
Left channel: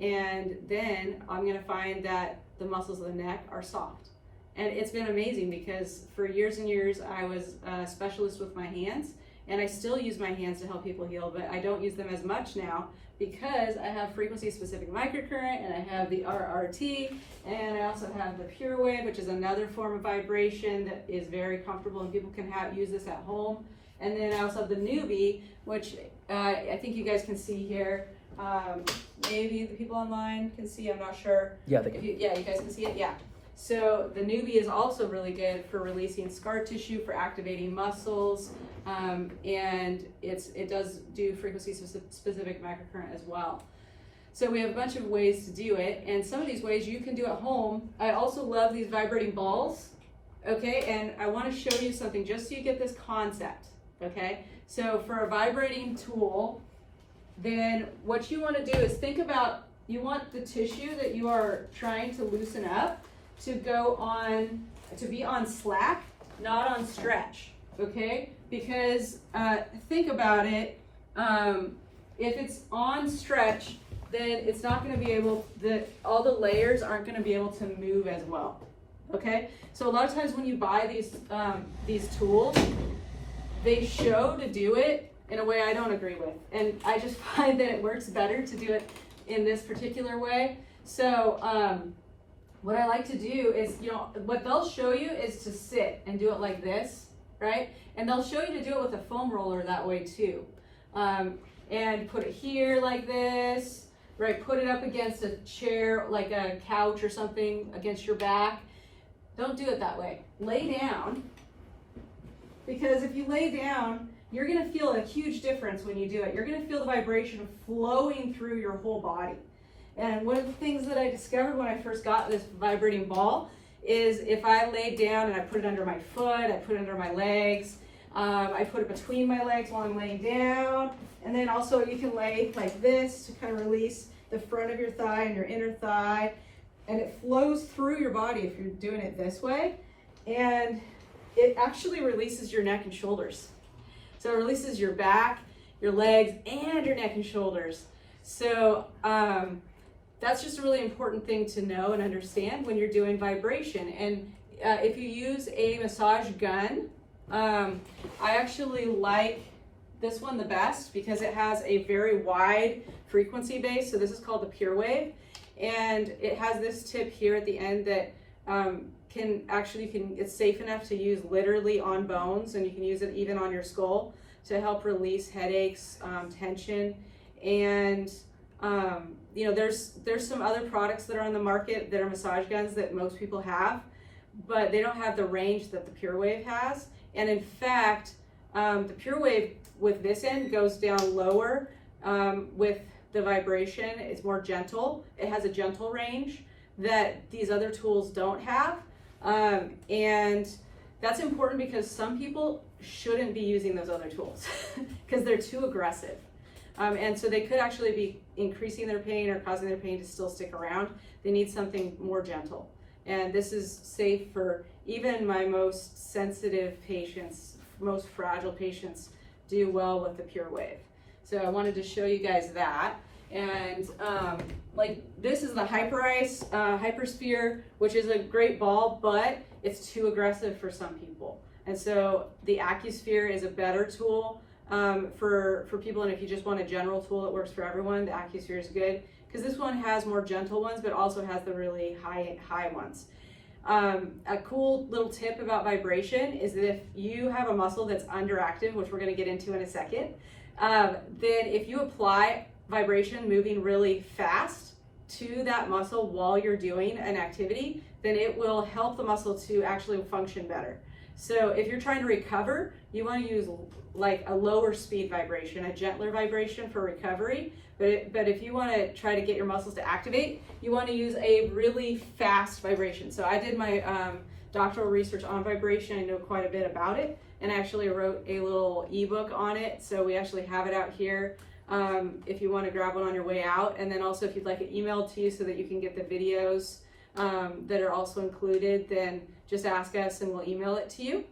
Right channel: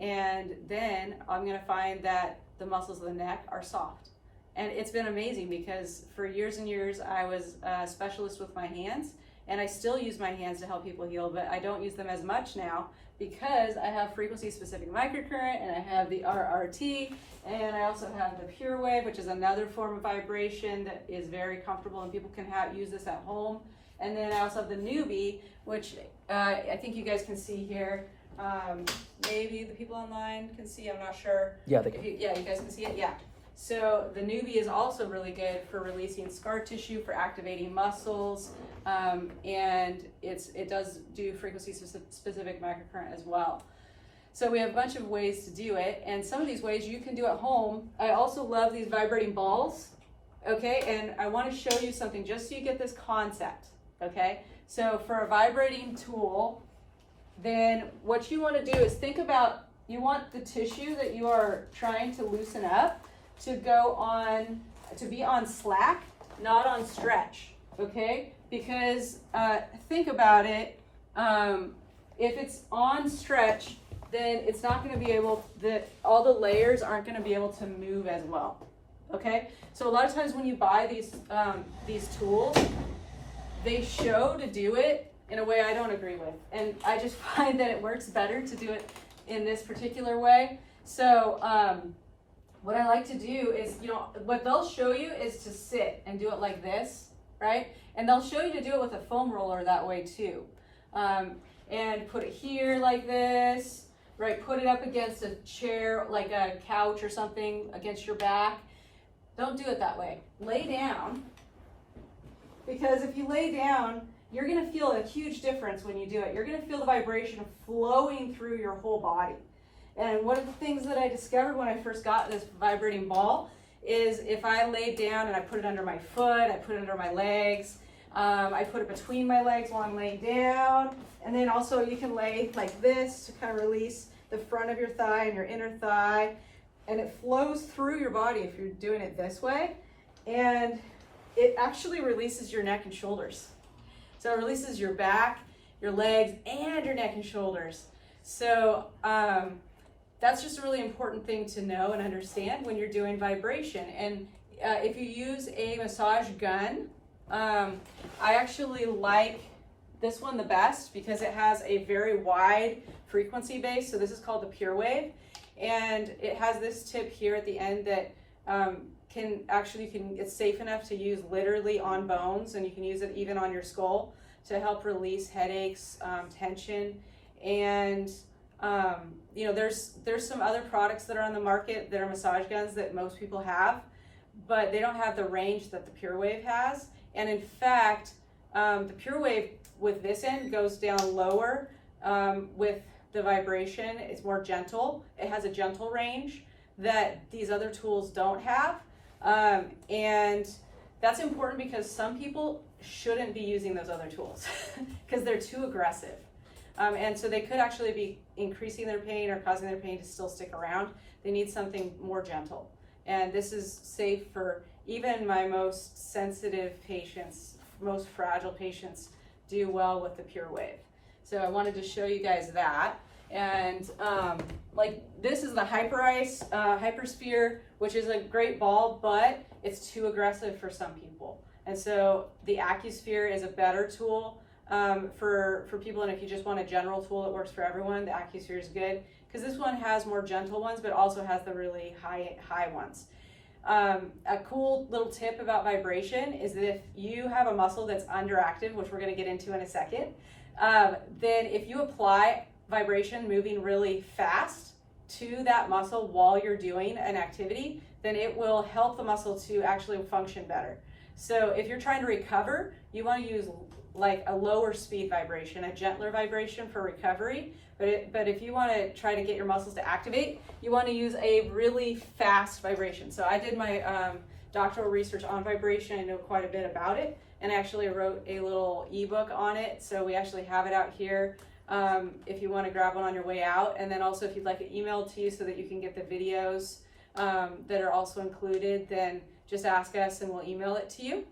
And then I'm going to find that the muscles of the neck are soft. And it's been amazing, because for years and years I was a specialist with my hands, and I still use my hands to help people heal, but I don't use them as much now because I have frequency-specific microcurrent, and I have the RRT, and I also have the Pure Wave, which is another form of vibration that is very comfortable, and people can use this at home. And then I also have the newbie, which I think you guys can see here. Maybe the people online can see, I'm not sure. Yeah, you guys can see it, yeah. So the newbie is also really good for releasing scar tissue, for activating muscles, and it does do frequency-specific microcurrent as well. So we have a bunch of ways to do it, and some of these ways you can do at home. I also love these vibrating balls, okay? And I want to show you something just so you get this concept, okay? So for a vibrating tool, then what you want to do is think about, you want the tissue that you are trying to loosen up to be on slack, not on stretch, okay? Because think about it, if it's on stretch, then it's not going to be able, all the layers aren't going to be able to move as well, okay? So a lot of times when you buy these tools, they show to do it in a way I don't agree with, and I just find that it works better to do it in this particular way. So what I like to do is, what they'll show you is to sit and do it like this, right? And they'll show you to do it with a foam roller that way too. And put it here like this, right? Put it up against a chair, like a couch or something, against your back. Don't do it that way. Lay down, because if you lay down, you're gonna feel a huge difference when you do it. You're gonna feel the vibration flowing through your whole body. And one of the things that I discovered when I first got this vibrating ball is if I laid down and I put it under my foot, I put it under my legs, I put it between my legs while I'm laying down, and then also you can lay like this to kind of release the front of your thigh and your inner thigh, and it flows through your body if you're doing it this way. and it actually releases your neck and shoulders. So it releases your back, your legs, and your neck and shoulders. So that's just a really important thing to know and understand when you're doing vibration. And if you use a massage gun, I actually like this one the best because it has a very wide frequency base. So this is called the Pure Wave, and it has this tip here at the end that it's safe enough to use literally on bones, and you can use it even on your skull to help release headaches, tension, and there's some other products that are on the market that are massage guns that most people have, but they don't have the range that the Pure Wave has. And in fact, the Pure Wave with this end goes down lower with the vibration. It's more gentle. It has a gentle range that these other tools don't have. And that's important because some people shouldn't be using those other tools because they're too aggressive. And so they could actually be increasing their pain or causing their pain to still stick around. They need something more gentle. And this is safe for even my most sensitive patients, most fragile patients do well with the Pure Wave. So I wanted to show you guys that. And like this is the Hypersphere, which is a great ball, but it's too aggressive for some people. And so the AccuSphere is a better tool for people. And if you just want a general tool that works for everyone, the AccuSphere is good because this one has more gentle ones, but also has the really high ones. A cool little tip about vibration is that if you have a muscle that's underactive, which we're going to get into in a second, then if you apply vibration moving really fast to that muscle while you're doing an activity, then it will help the muscle to actually function better. So if you're trying to recover, you want to use like a lower speed vibration, a gentler vibration for recovery. But if you want to try to get your muscles to activate, you want to use a really fast vibration. So I did my doctoral research on vibration. I know quite a bit about it, and actually wrote a little ebook on it. So we actually have it out here if you want to grab one on your way out. And then also if you'd like it emailed to you so that you can get the videos that are also included, then just ask us and we'll email it to you.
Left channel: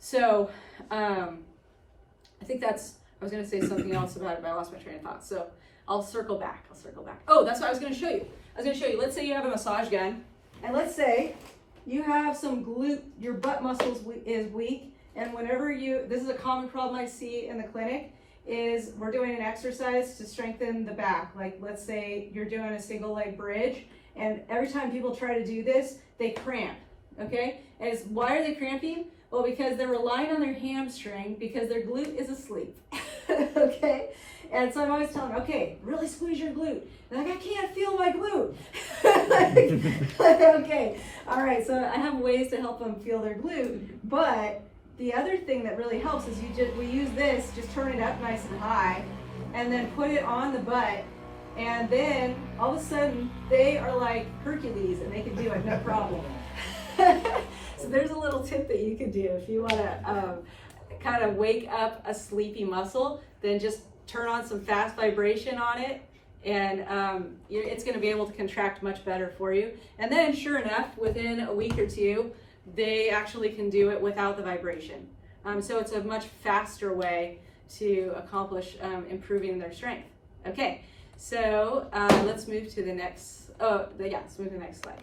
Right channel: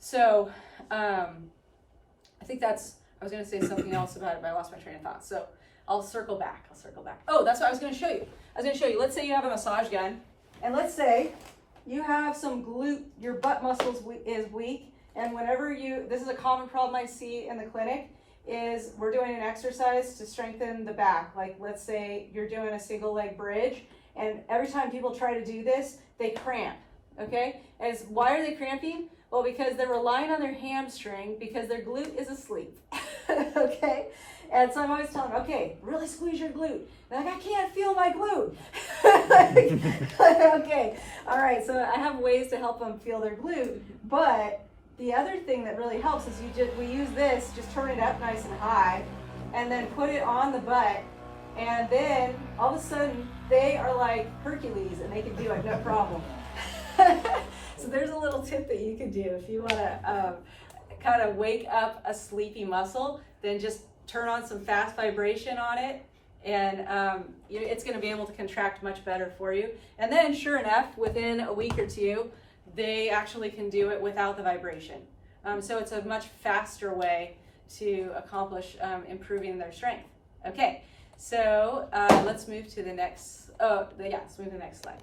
So I think I was going to say something else about it, but I lost my train of thought. So I'll circle back. Oh, that's what I was going to show you. Let's say you have a massage gun, and let's say you have some your butt muscles is weak, and this is a common problem I see in the clinic, is we're doing an exercise to strengthen the back. Like let's say you're doing a single leg bridge, and every time people try to do this, they cramp, okay? Why are they cramping? Well, because they're relying on their hamstring because their glute is asleep, okay? And so I'm always telling them, okay, really squeeze your glute. They're like, I can't feel my glute. Okay, all right, so I have ways to help them feel their glute, but the other thing that really helps is we use this, just turn it up nice and high, and then put it on the butt, and then all of a sudden they are like Hercules and they can do it no problem. So there's a little tip that you could do if you want to kind of wake up a sleepy muscle, then just turn on some fast vibration on it, and it's going to be able to contract much better for you. And then sure enough, within a week or two, they actually can do it without the vibration. So it's a much faster way to accomplish improving their strength. Okay, so let's move to the next, let's move to the next slide.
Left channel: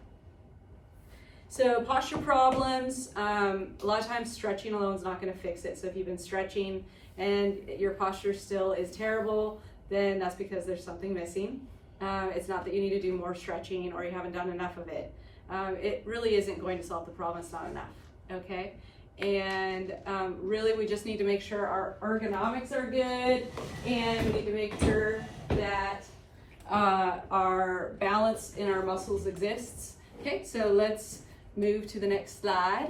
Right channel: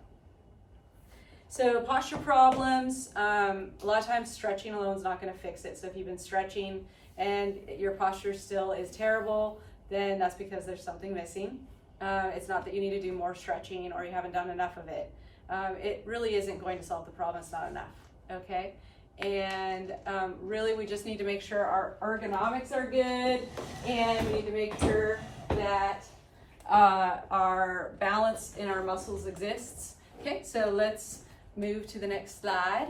So posture problems, a lot of times stretching alone is not going to fix it. So if you've been stretching and your posture still is terrible, then that's because there's something missing. It's not that you need to do more stretching or you haven't done enough of it. It really isn't going to solve the problem. It's not enough, okay? And really we just need to make sure our ergonomics are good, and we need to make sure that our balance in our muscles exists. Okay, so let's move to the next slide.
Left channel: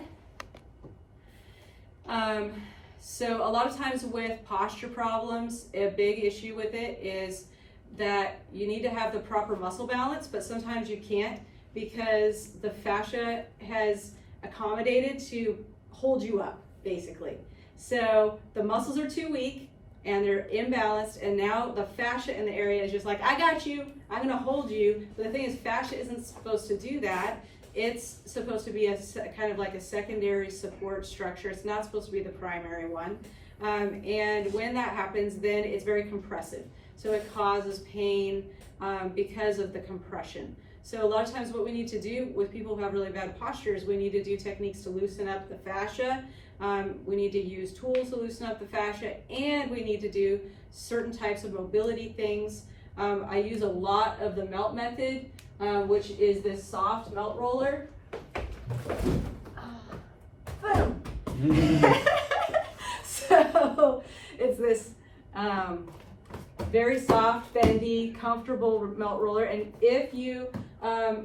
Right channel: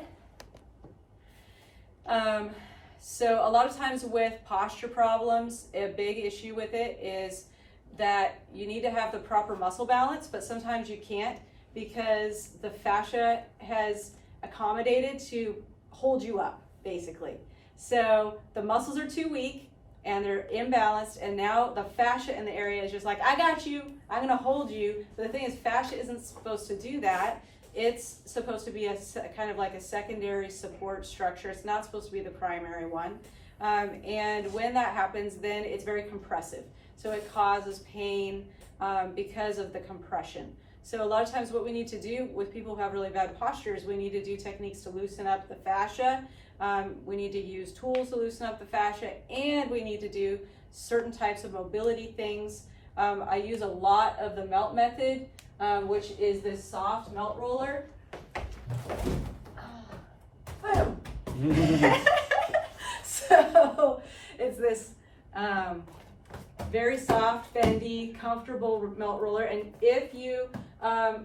So a lot of times with posture problems, a big issue with it is that you need to have the proper muscle balance, but sometimes you can't because the fascia has accommodated to hold you up, basically. So the muscles are too weak and they're imbalanced, and now the fascia in the area is just like, I got you, I'm gonna hold you. But the thing is, fascia isn't supposed to do that. it's supposed to be a kind of like a secondary support structure. It's not supposed to be the primary one. And when that happens, then it's very compressive. So it causes pain because of the compression. So a lot of times what we need to do with people who have really bad postures, we need to do techniques to loosen up the fascia. We need to use tools to loosen up the fascia, and we need to do certain types of mobility things. I use a lot of the melt method, which is this soft melt roller. So it's this very soft, bendy, comfortable melt roller. And if you,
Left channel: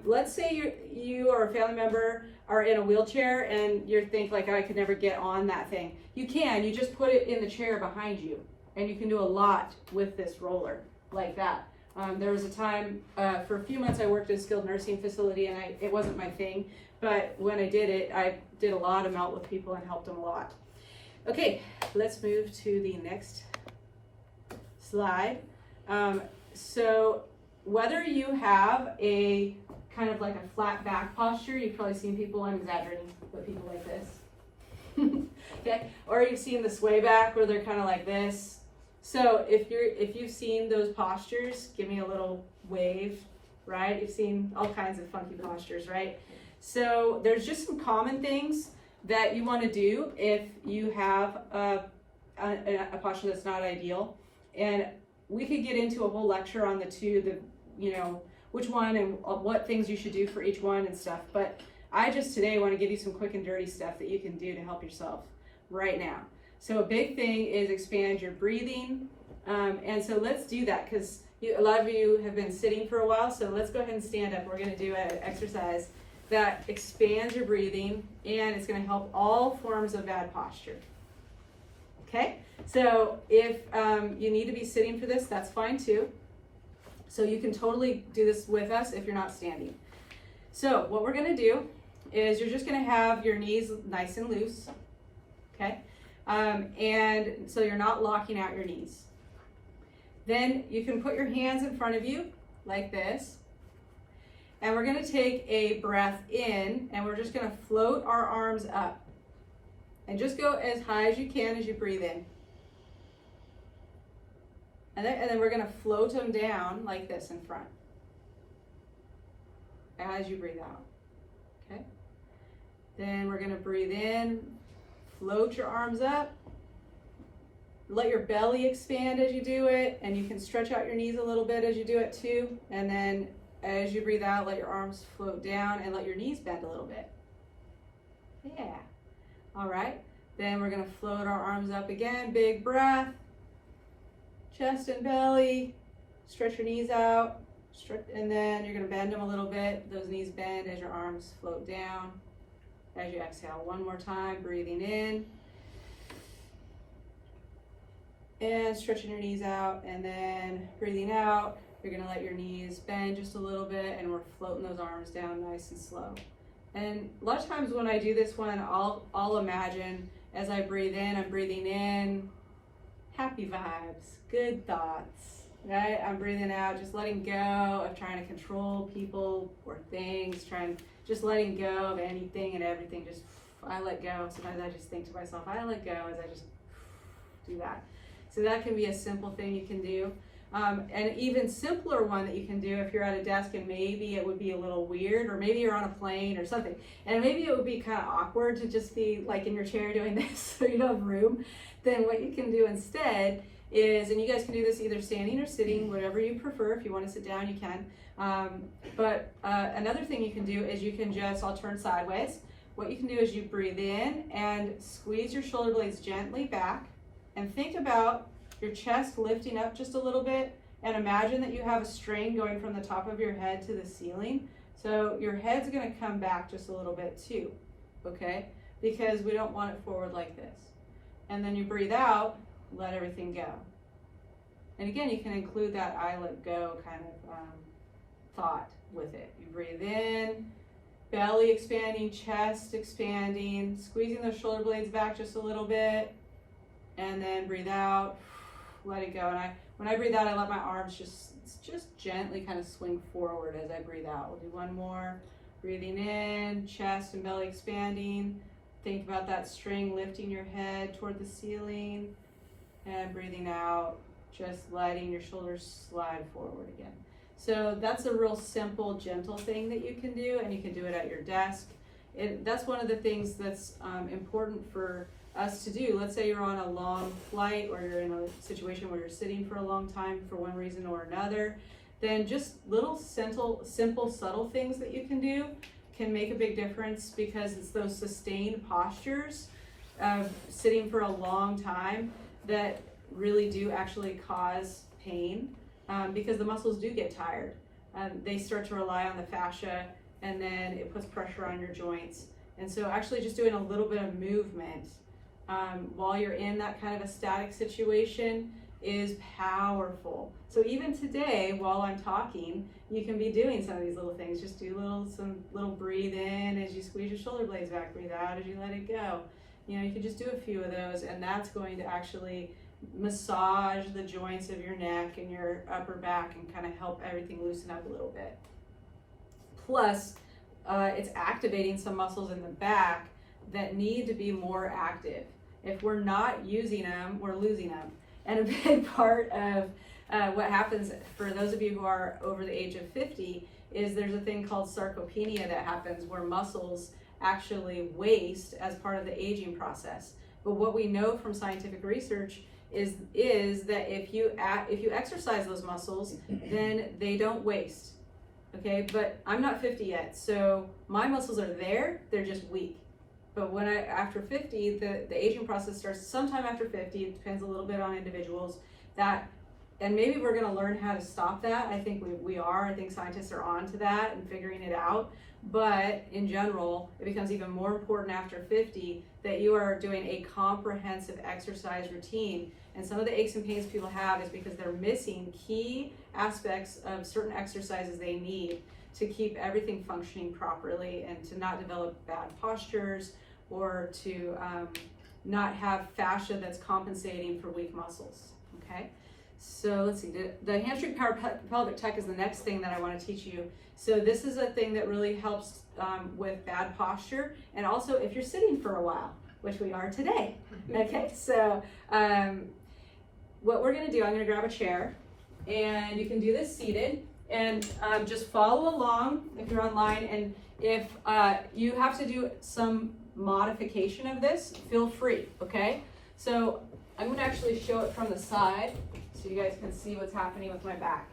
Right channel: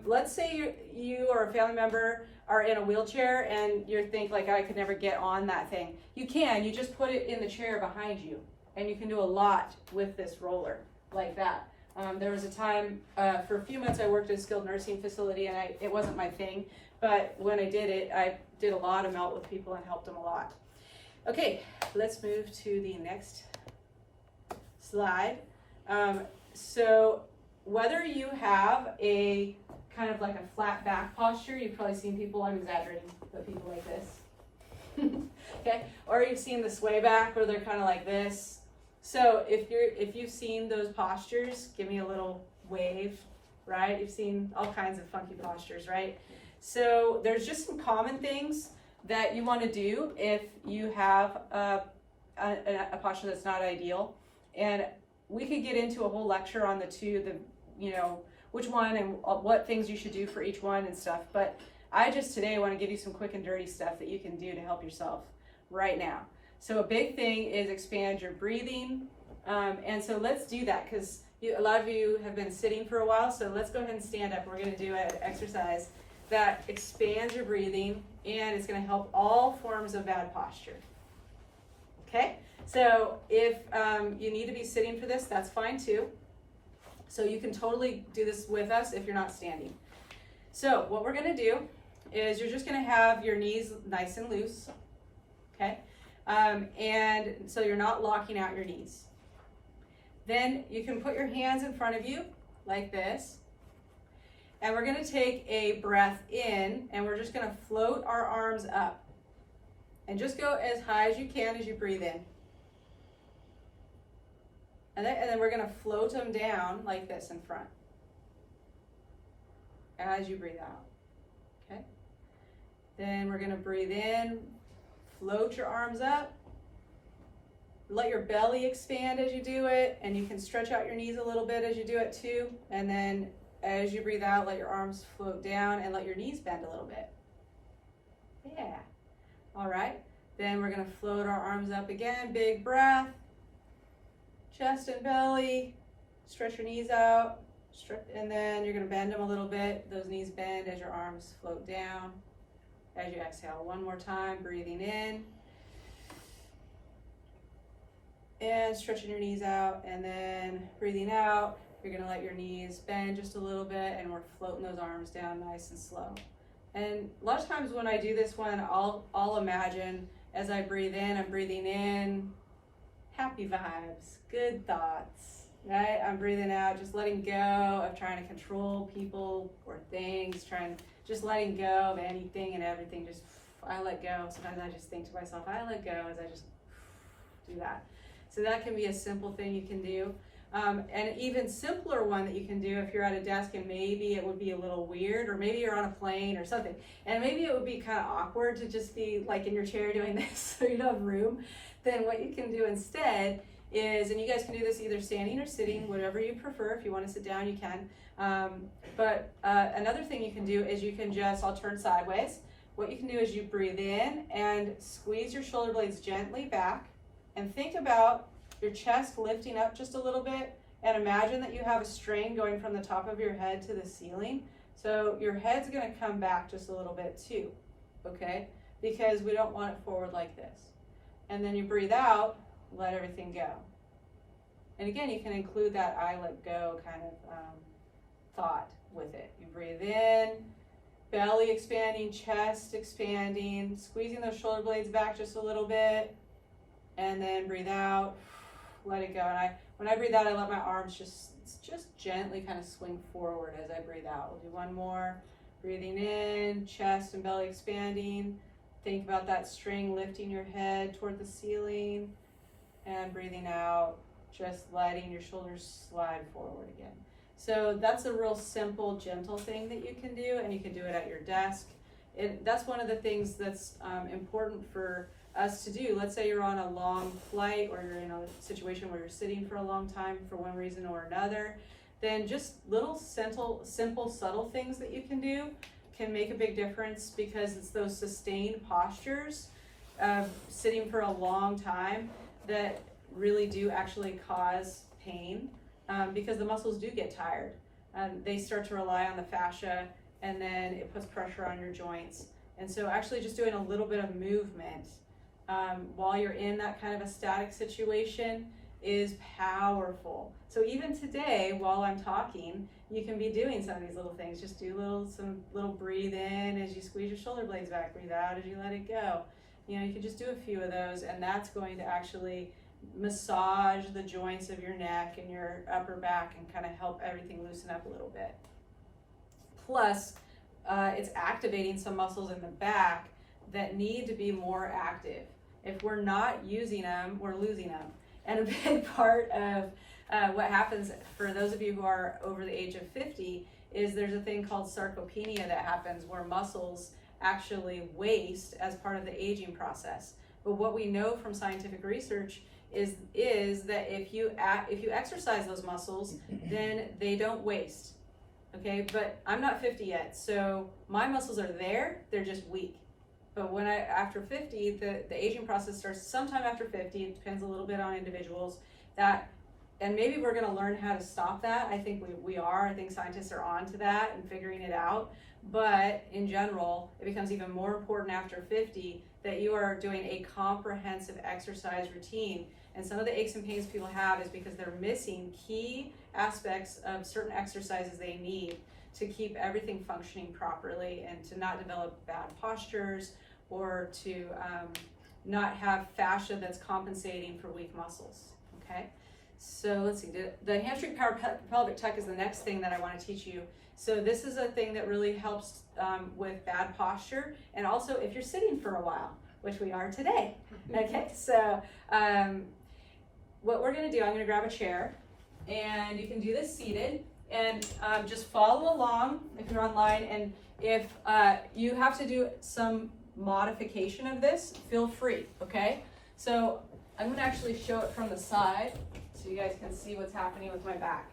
let's say you or a family member are in a wheelchair and you think like, I could never get on that thing. You can, you just put it in the chair behind you, and you can do a lot with this roller like that. There was a time, for a few months I worked in a skilled nursing facility, and it wasn't my thing, but when I did it, I did a lot of melt with people and helped them a lot. Okay, let's move to the next slide. So whether you have a kind of like a flat back posture, you've probably seen people, I'm exaggerating, but people like this. Okay, or you've seen the sway back where they're kind of like this. So if you've seen those postures, give me a little wave, right? You've seen all kinds of funky postures, right? So there's just some common things that you want to do if you have a posture that's not ideal. And we could get into a whole lecture on which one and what things you should do for each one and stuff. But I just today want to give you some quick and dirty stuff that you can do to help yourself right now. So a big thing is expand your breathing. And so let's do that, because a lot of you have been sitting for a while. So let's go ahead and stand up. We're going to do an exercise that expands your breathing, and it's going to help all forms of bad posture. Okay, so if you need to be sitting for this, that's fine too. So you can totally do this with us if you're not standing. So what we're going to do is you're just going to have your knees nice and loose, okay? And so you're not locking out your knees. Then you can put your hands in front of you like this. And we're going to take a breath in, and we're just going to float our arms up. And just go as high as you can as you breathe in. And then we're going to float them down like this in front as you breathe out. Okay? Then we're going to breathe in, float your arms up. Let your belly expand as you do it, and you can stretch out your knees a little bit as you do it too. And then as you breathe out, let your arms float down and let your knees bend a little bit. Yeah. All right. Then we're going to float our arms up again. Big breath. Chest and belly. Stretch your knees out. And then you're going to bend them a little bit. Those knees bend as your arms float down. As you exhale, one more time, breathing in. And stretching your knees out, and then breathing out. You're going to let your knees bend just a little bit, and we're floating those arms down nice and slow. And a lot of times when I do this one, I'll imagine as I breathe in, I'm breathing in happy vibes, good thoughts, right? I'm breathing out, just letting go of trying to control people or things, just letting go of anything and everything. Just, I let go. Sometimes I just think to myself, I let go as I just do that. So that can be a simple thing you can do. And even simpler one that you can do if you're at a desk and maybe it would be a little weird, or maybe you're on a plane or something, and maybe it would be kind of awkward to just be like in your chair doing this so you don't have room. Then what you can do instead is, and you guys can do this either standing or sitting, whatever you prefer. If you want to sit down, you can. But another thing you can do is you can just, I'll turn sideways. What you can do is you breathe in and squeeze your shoulder blades gently back, and think about your chest lifting up just a little bit, and imagine that you have a strain going from the top of your head to the ceiling. So your head's going to come back just a little bit too, okay? Because we don't want it forward like this. And then you breathe out, let everything go. And again, you can include that I let go kind of thought with it. You breathe in, belly expanding, chest expanding, squeezing those shoulder blades back just a little bit, and then breathe out, let it go. And when I breathe out, I let my arms just gently kind of swing forward as I breathe out. We'll do one more. Breathing in, chest and belly expanding. Think about that string lifting your head toward the ceiling. And breathing out, just letting your shoulders slide forward again. So that's a real simple, gentle thing that you can do, and you can do it at your desk. That's one of the things that's important for us to do. Let's say you're on a long flight, or you're in a situation where you're sitting for a long time for one reason or another. Then just little simple, subtle things that you can do can make a big difference, because it's those sustained postures of sitting for a long time that really do actually cause pain, because the muscles do get tired. They start to rely on the fascia, and then it puts pressure on your joints. And so actually just doing a little bit of movement while you're in that kind of a static situation is powerful. So even today, while I'm talking, you can be doing some of these little things. Just do some little breathe in as you squeeze your shoulder blades back, breathe out as you let it go. You know, you can just do a few of those, and that's going to actually massage the joints of your neck and your upper back and kind of help everything loosen up a little bit. Plus, it's activating some muscles in the back that need to be more active. If we're not using them, we're losing them. And a big part of what happens for those of you who are over the age of 50 is there's a thing called sarcopenia that happens, where muscles actually waste as part of the aging process. But what we know from scientific research is that if you exercise those muscles, then they don't waste. Okay, but I'm not 50 yet, so my muscles are there, they're just weak. But when after 50, the aging process starts sometime after 50. It depends a little bit on individuals. And maybe we're going to learn how to stop that. I think we are. I think scientists are on to that and figuring it out. But in general, it becomes even more important after 50 that you are doing a comprehensive exercise routine. And some of the aches and pains people have is because they're missing key aspects of certain exercises they need to keep everything functioning properly, and to not develop bad postures, or to not have fascia that's compensating for weak muscles. Okay, so let's see, the hamstring power pelvic tuck is the next thing that I want to teach you. So this is a thing that really helps with bad posture, and also if you're sitting for a while, which we are today. Okay, so what we're going to do, I'm going to grab a chair, and you can do this seated, and just follow along if you're online. And if you have to do some modification of this, feel free. Okay, so I'm going to actually show it from the side so you guys can see what's happening with my back.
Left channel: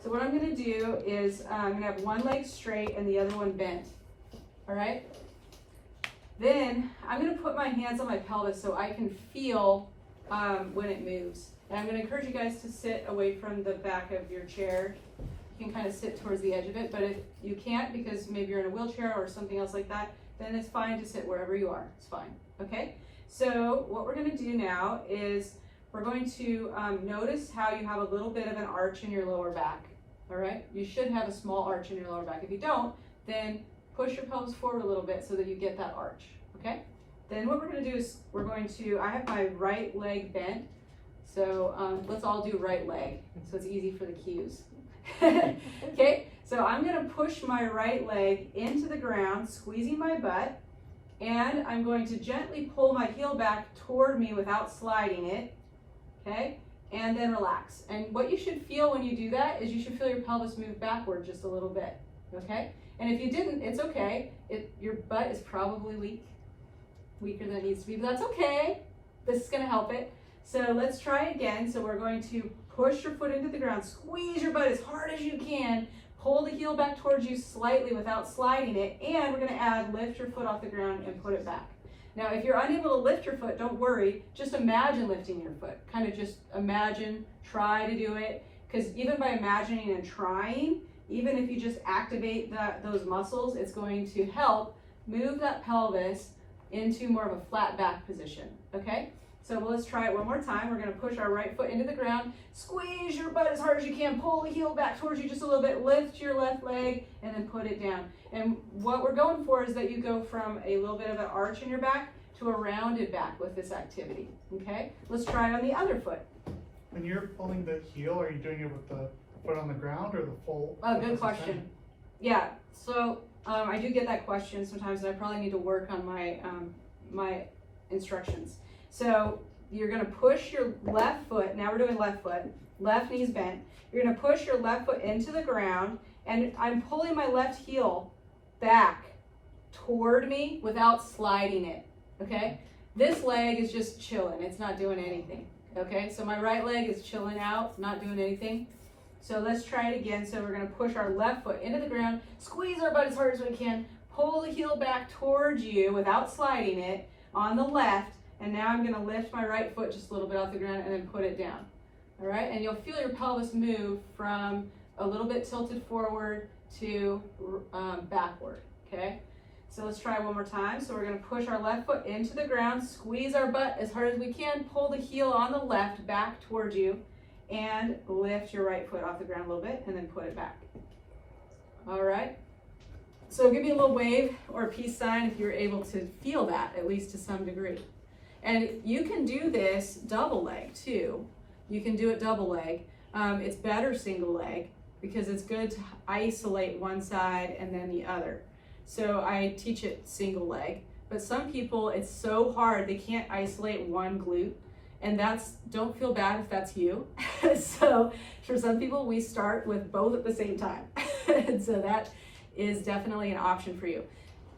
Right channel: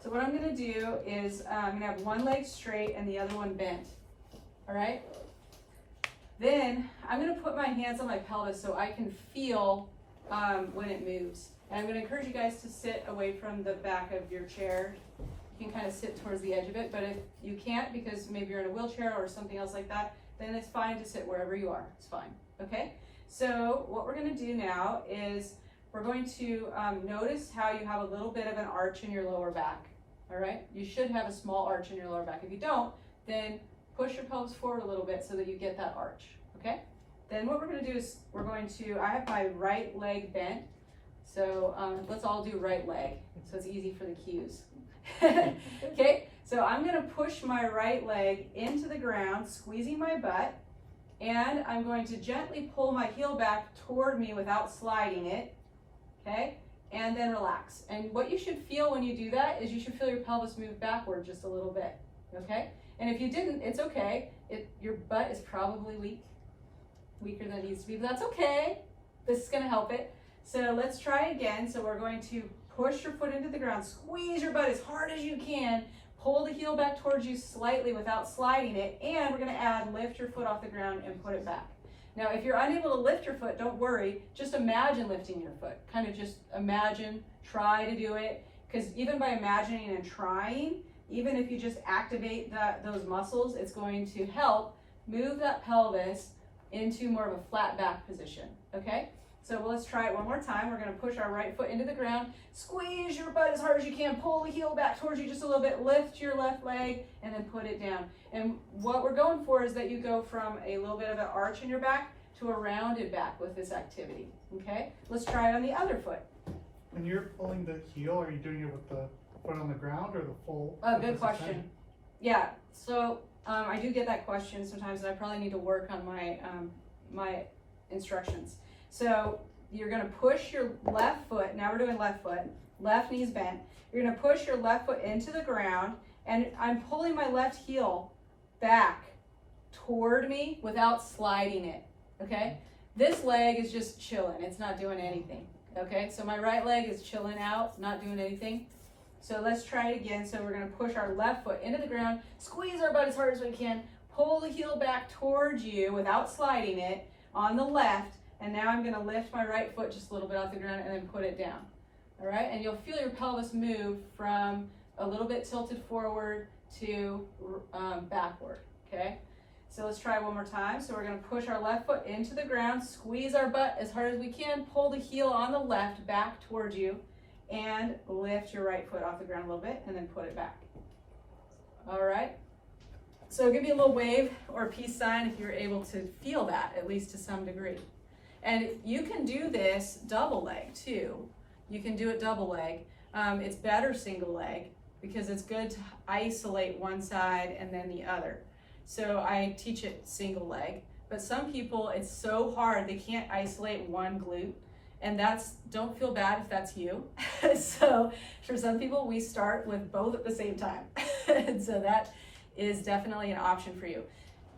So what I'm going to do is I'm going to have one leg straight and the other one bent. All right, then I'm going to put my hands on my pelvis so I can feel when it moves. And I'm going to encourage you guys to sit away from the back of your chair. You can kind of sit towards the edge of it, but if you can't, because maybe you're in a wheelchair or something else like that, then it's fine to sit wherever you are. It's fine. Okay, so what we're going to do now is we're going to notice how you have a little bit of an arch in your lower back. All right, you should have a small arch in your lower back. If you don't, then push your pelvis forward a little bit so that you get that arch. Okay, then what we're going to do is I have my right leg bent, so let's all do right leg so it's easy for the cues. Okay, so I'm going to push my right leg into the ground, squeezing my butt, and I'm going to gently pull my heel back toward me without sliding it. Okay, and then relax. And what you should feel when you do that is you should feel your pelvis move backward just a little bit. Okay, and if you didn't, it's okay. Your butt is probably weaker than it needs to be, but that's okay. This is going to help it. So let's try again. So we're going to push your foot into the ground, squeeze your butt as hard as you can, pull the heel back towards you slightly without sliding it, and we're going to add lift your foot off the ground and put it back. Now, if you're unable to lift your foot, don't worry. Just imagine lifting your foot. Kind of just imagine, try to do it, because even by imagining and trying, even if you just activate those muscles, it's going to help move that pelvis into more of a flat back position. Okay? So let's try it one more time. We're going to push our right foot into the ground, squeeze your butt as hard as you can, pull the heel back towards you just a little bit, lift your left leg, and then put it down. And what we're going for is that you go from a little bit of an arch in your back to a rounded back with this activity. Okay? Let's try it on the other foot. When you're pulling the heel, are you doing it with the foot on the ground or the full? Oh, good question. Yeah, so I do get that question sometimes, and I probably need to work on my my instructions. So you're gonna push your left foot, now we're doing left foot, left knee's bent. You're gonna push your left foot into the ground, and I'm pulling my left heel back toward me without sliding it, okay? This leg is just chilling, it's not doing anything, okay? So my right leg is chilling out, not doing anything. So let's try it again. So we're gonna push our left foot into the ground, squeeze our butt as hard as we can, pull the heel back towards you without sliding it on the left, and now I'm gonna lift my right foot just a little bit off the ground and then put it down, all right? And you'll feel your pelvis move from a little bit tilted forward to backward, okay? So let's try one more time. So we're gonna push our left foot into the ground, squeeze our butt as hard as we can, pull the heel on the left back towards you, and lift your right foot off the ground a little bit and then put it back. All right. So give me a little wave or a peace sign if you're able to feel that, at least to some degree. And you can do this double leg too. You can do it double leg. It's better single leg because it's good to isolate one side and then the other. So I teach it single leg, but some people, it's so hard, they can't isolate one glute. And don't feel bad if that's you. So for some people, we start with both at the same time. And so that is definitely an option for you.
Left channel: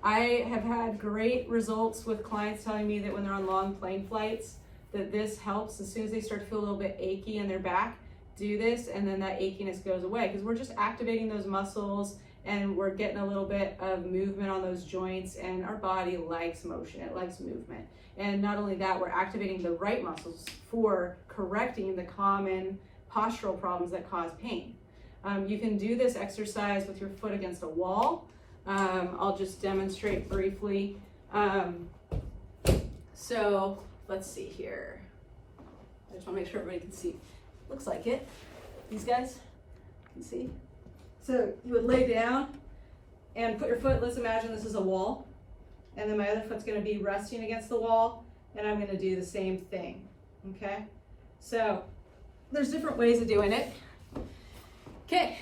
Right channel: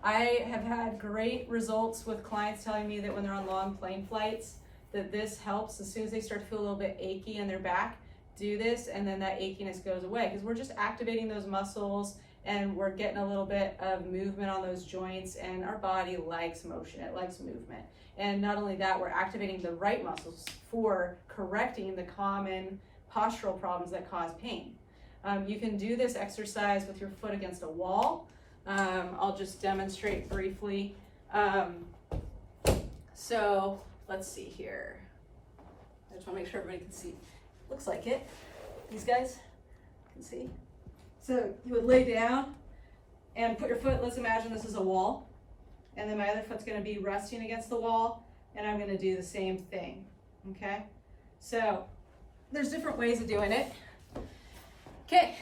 I have had great results with clients telling me that when they're on long plane flights, that this helps. As soon as they start to feel a little bit achy in their back, do this, and then that achiness goes away, because we're just activating those muscles and we're getting a little bit of movement on those joints, and our body likes motion, it likes movement. And not only that, we're activating the right muscles for correcting the common postural problems that cause pain. You can do this exercise with your foot against a wall. I'll just demonstrate briefly. So let's see here. I just want to make sure everybody can see. Looks like it. These guys can see. So you would lay down and put your foot, let's imagine this is a wall, and then my other foot's gonna be resting against the wall, and I'm gonna do the same thing, okay? So there's different ways of doing it. Okay,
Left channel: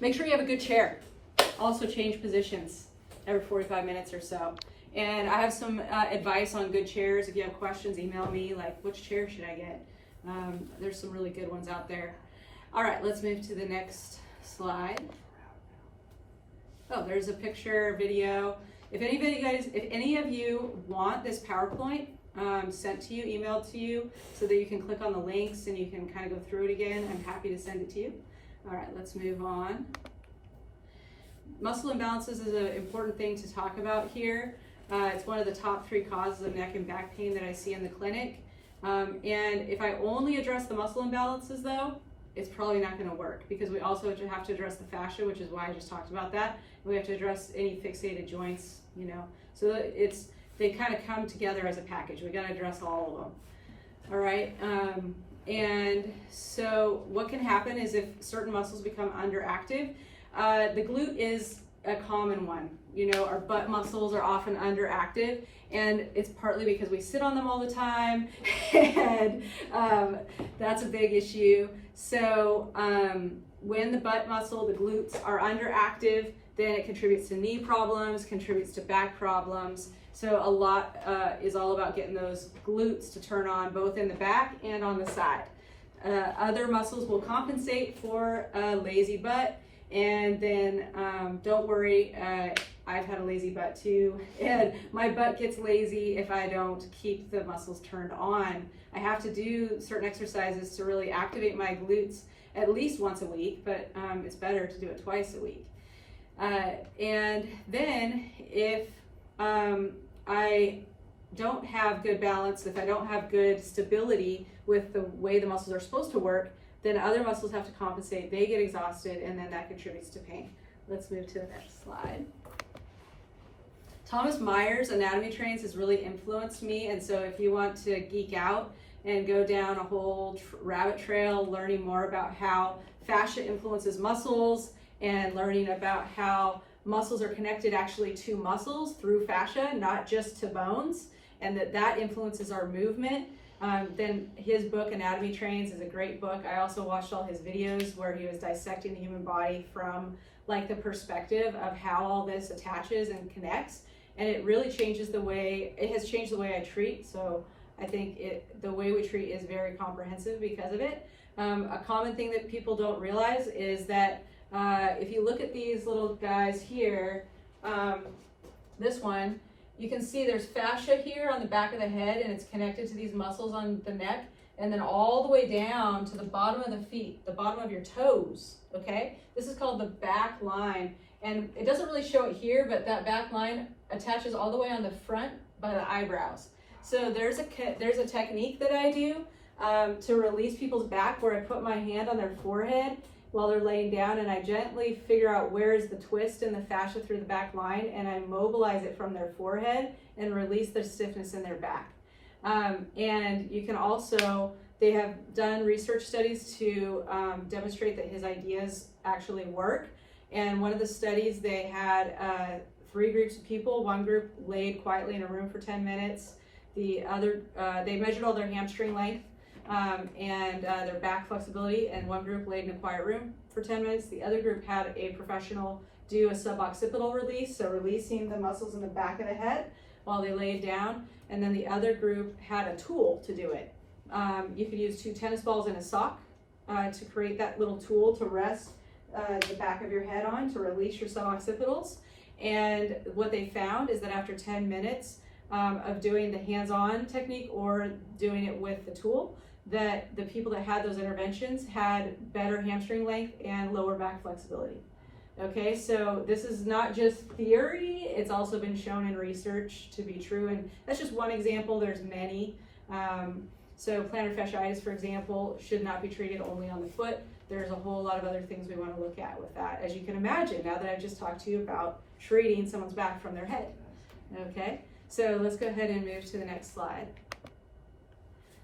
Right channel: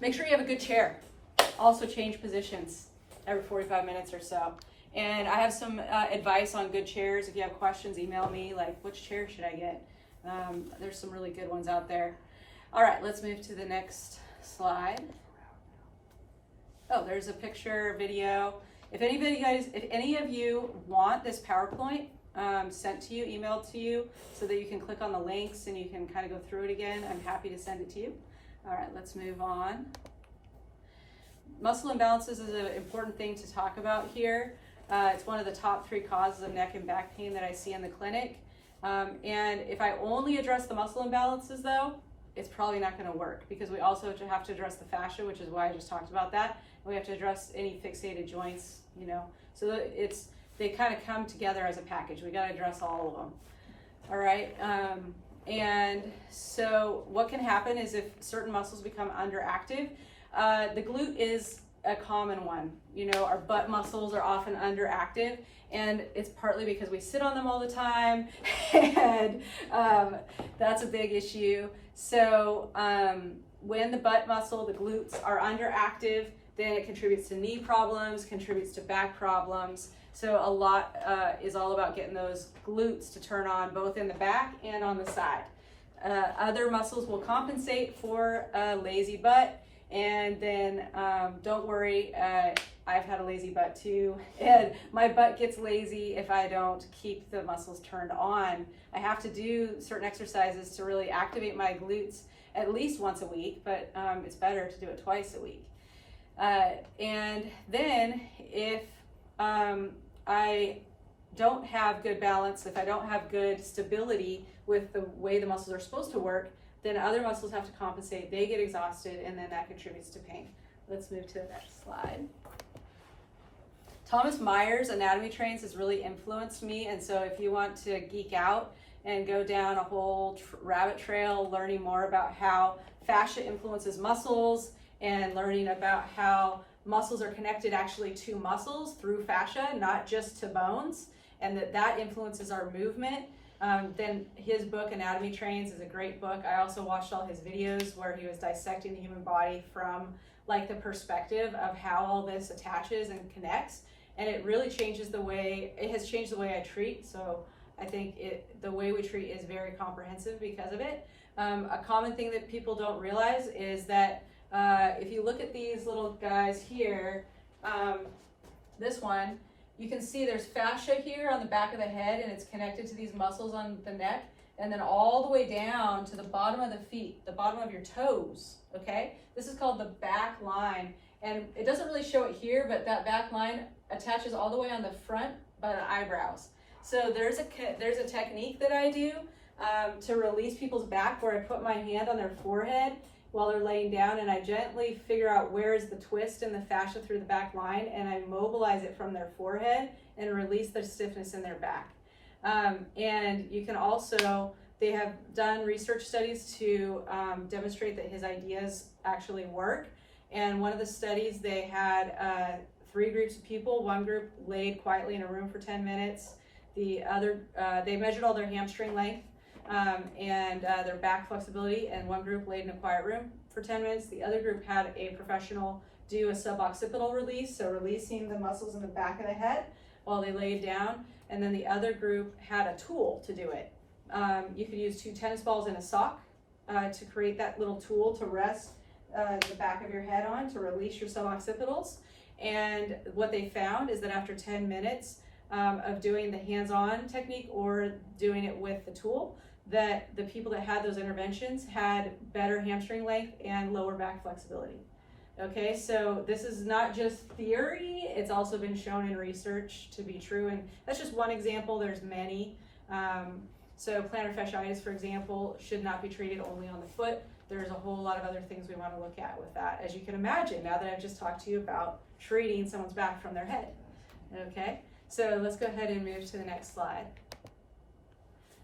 make sure you have a good chair. Also change positions every 45 minutes or so. And I have some advice on good chairs. If you have questions, email me, like, which chair should I get? There's some really good ones out there. All right, let's move to the next slide. Oh, there's a picture, video. If any of you want this PowerPoint sent to you, emailed to you, so that you can click on the links and you can kind of go through it again, I'm happy to send it to you. All right, let's move on. Muscle imbalances is an important thing to talk about here. It's one of the top 3 causes of neck and back pain that I see in the clinic. And if I only address the muscle imbalances though, it's probably not going to work, because we also have to address the fascia, which is why I just talked about that. And we have to address any fixated joints, you know. So they kind of come together as a package. We got to address all of them. All right. And so what can happen is if certain muscles become underactive, the glute is a common one. You know, our butt muscles are often underactive, and it's partly because we sit on them all the time, and that's a big issue. So when the butt muscle, the glutes, are underactive, then it contributes to knee problems, contributes to back problems. So a lot is all about getting those glutes to turn on, both in the back and on the side. Other muscles will compensate for a lazy butt, and then don't worry, I've had a lazy butt too, and my butt gets lazy if I don't keep the muscles turned on. I have to do certain exercises to really activate my glutes at least once a week, but it's better to do it twice a week. And then if I don't have good balance, if I don't have good stability with the way the muscles are supposed to work, then other muscles have to compensate, they get exhausted, and then that contributes to pain. Let's move to the next slide. Thomas Myers' Anatomy Trains has really influenced me, and so if you want to geek out and go down a whole rabbit trail learning more about how fascia influences muscles and learning about how muscles are connected actually to muscles through fascia, not just to bones, and that influences our movement, then his book Anatomy Trains is a great book. I also watched all his videos where he was dissecting the human body from like the perspective of how all this attaches and connects. And it really changes it has changed the way I treat. So I think the way we treat is very comprehensive because of it. A common thing that people don't realize is that if you look at these little guys here, this one, you can see there's fascia here on the back of the head, and it's connected to these muscles on the neck, and then all the way down to the bottom of the feet, the bottom of your toes, okay? This is called the back line, and it doesn't really show it here, but that back line attaches all the way on the front by the eyebrows. So there's a technique that I do to release people's back, where I put my hand on their forehead while they're laying down, and I gently figure out where is the twist in the fascia through the back line, and I mobilize it from their forehead and release the stiffness in their back. And you can also, they have done research studies to demonstrate that his ideas actually work. And one of the studies, they had 3 groups of people. One group laid quietly in a room for 10 minutes. The other, they measured all their hamstring length and their back flexibility, and one group laid in a quiet room for 10 minutes. The other group had a professional do a suboccipital release, so releasing the muscles in the back of the head while they laid down, and then the other group had a tool to do it. You could use 2 tennis balls and a sock to create that little tool to rest the back of your head on to release your suboccipitals. And what they found is that after 10 minutes of doing the hands-on technique or doing it with the tool, that the people that had those interventions had better hamstring length and lower back flexibility. Okay, so this is not just theory, it's also been shown in research to be true, and that's just one example. There's many. So plantar fasciitis, for example, should not be treated only on the foot. There's a whole lot of other things we want to look at with that, as you can imagine, now that I've just talked to you about treating someone's back from their head. Okay, so let's go ahead and move to the next slide.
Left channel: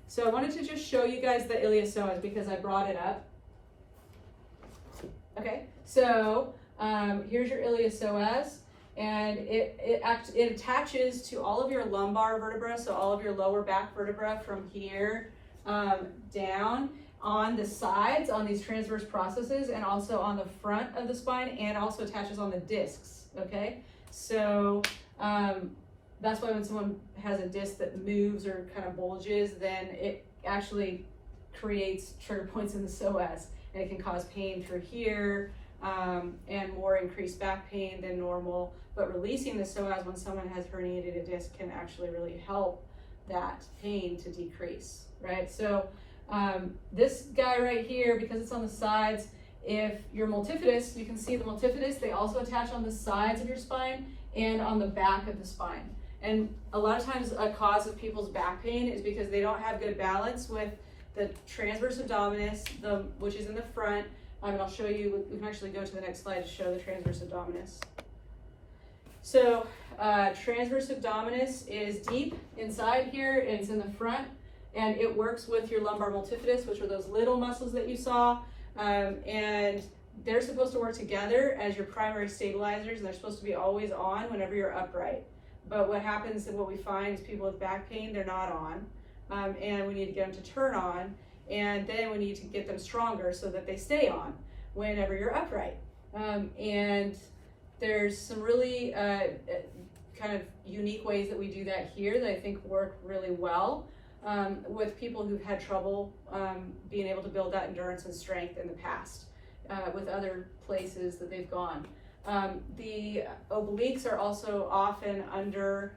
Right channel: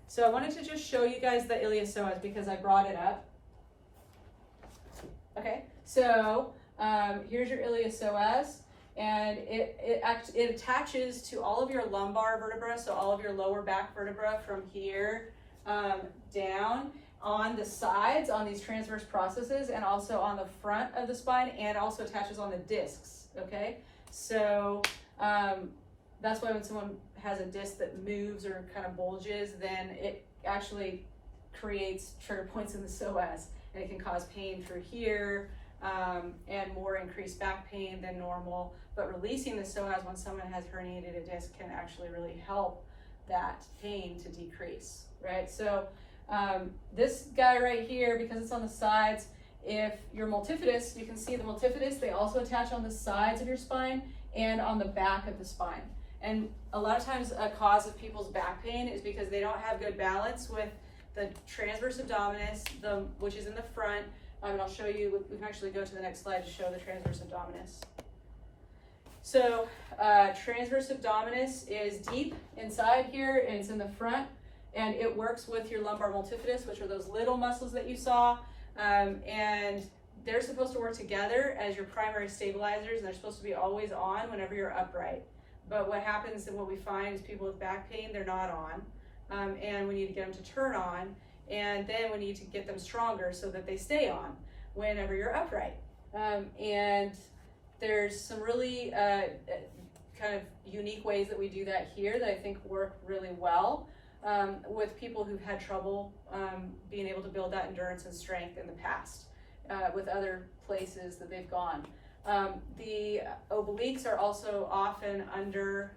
So I wanted to just show you guys the iliopsoas because I brought it up. Okay, so here's your iliopsoas, and it attaches to all of your lumbar vertebrae, so all of your lower back vertebra from here down on the sides, on these transverse processes, and also on the front of the spine, and also attaches on the discs, okay? So that's why when someone has a disc that moves or kind of bulges, then it actually creates trigger points in the psoas, and it can cause pain through here and more increased back pain than normal. But releasing the psoas when someone has herniated a disc can actually really help that pain to decrease, right? So this guy right here, because it's on the sides, if you're multifidus, you can see the multifidus, they also attach on the sides of your spine and on the back of the spine. And a lot of times a cause of people's back pain is because they don't have good balance with the transverse abdominis, which is in the front. And I'll show you, we can actually go to the next slide to show the transverse abdominis. So transverse abdominis is deep inside here, and it's in the front, and it works with your lumbar multifidus, which are those little muscles that you saw, and they're supposed to work together as your primary stabilizers, and they're supposed to be always on whenever you're upright. But what happens and what we find is people with back pain, they're not on, and we need to get them to turn on, and then we need to get them stronger so that they stay on whenever you're upright. And there's some really kind of unique ways that we do that here that I think work really well with people who've had trouble being able to build that endurance and strength in the past with other places that they've gone. The obliques are also often under,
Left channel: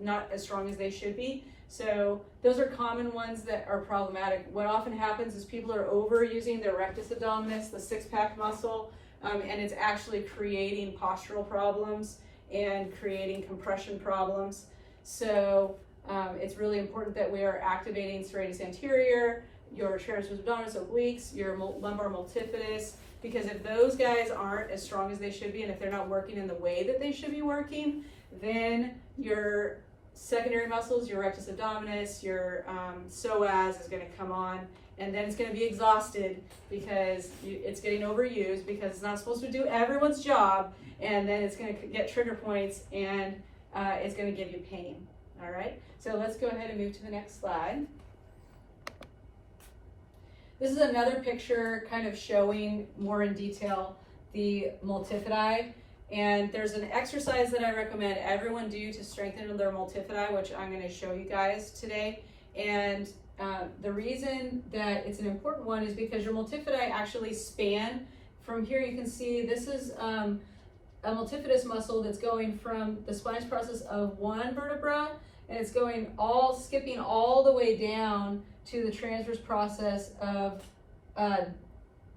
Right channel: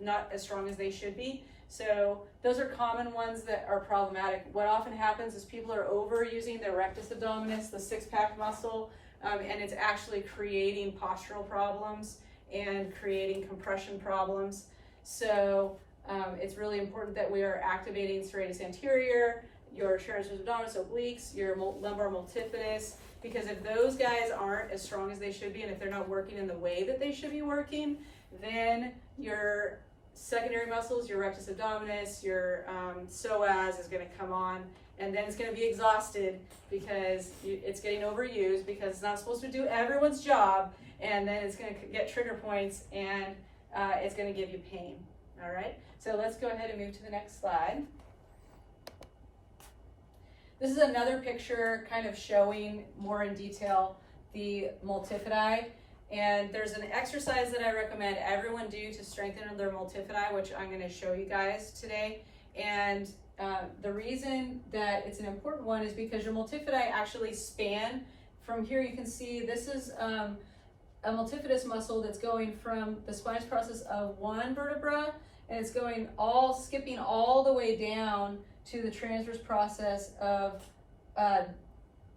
not as strong as they should be. So those are common ones that are problematic. What often happens is people are overusing their rectus abdominis, the six-pack muscle, and it's actually creating postural problems and creating compression problems. So it's really important that we are activating serratus anterior, your transverse abdominis, obliques, your lumbar multifidus, because if those guys aren't as strong as they should be, and if they're not working in the way that they should be working, then your secondary muscles, your rectus abdominis, your psoas is going to come on, and then it's going to be exhausted because it's getting overused because it's not supposed to do everyone's job, and then it's going to get trigger points, and it's going to give you pain. All right, so let's go ahead and move to the next slide. This is another picture kind of showing more in detail the multifidi. And there's an exercise that I recommend everyone do to strengthen their multifidi, which I'm going to show you guys today. And the reason that it's an important one is because your multifidi actually span. From here you can see this is a multifidus muscle that's going from the spinous process of one vertebra, and it's going skipping all the way down to the transverse process of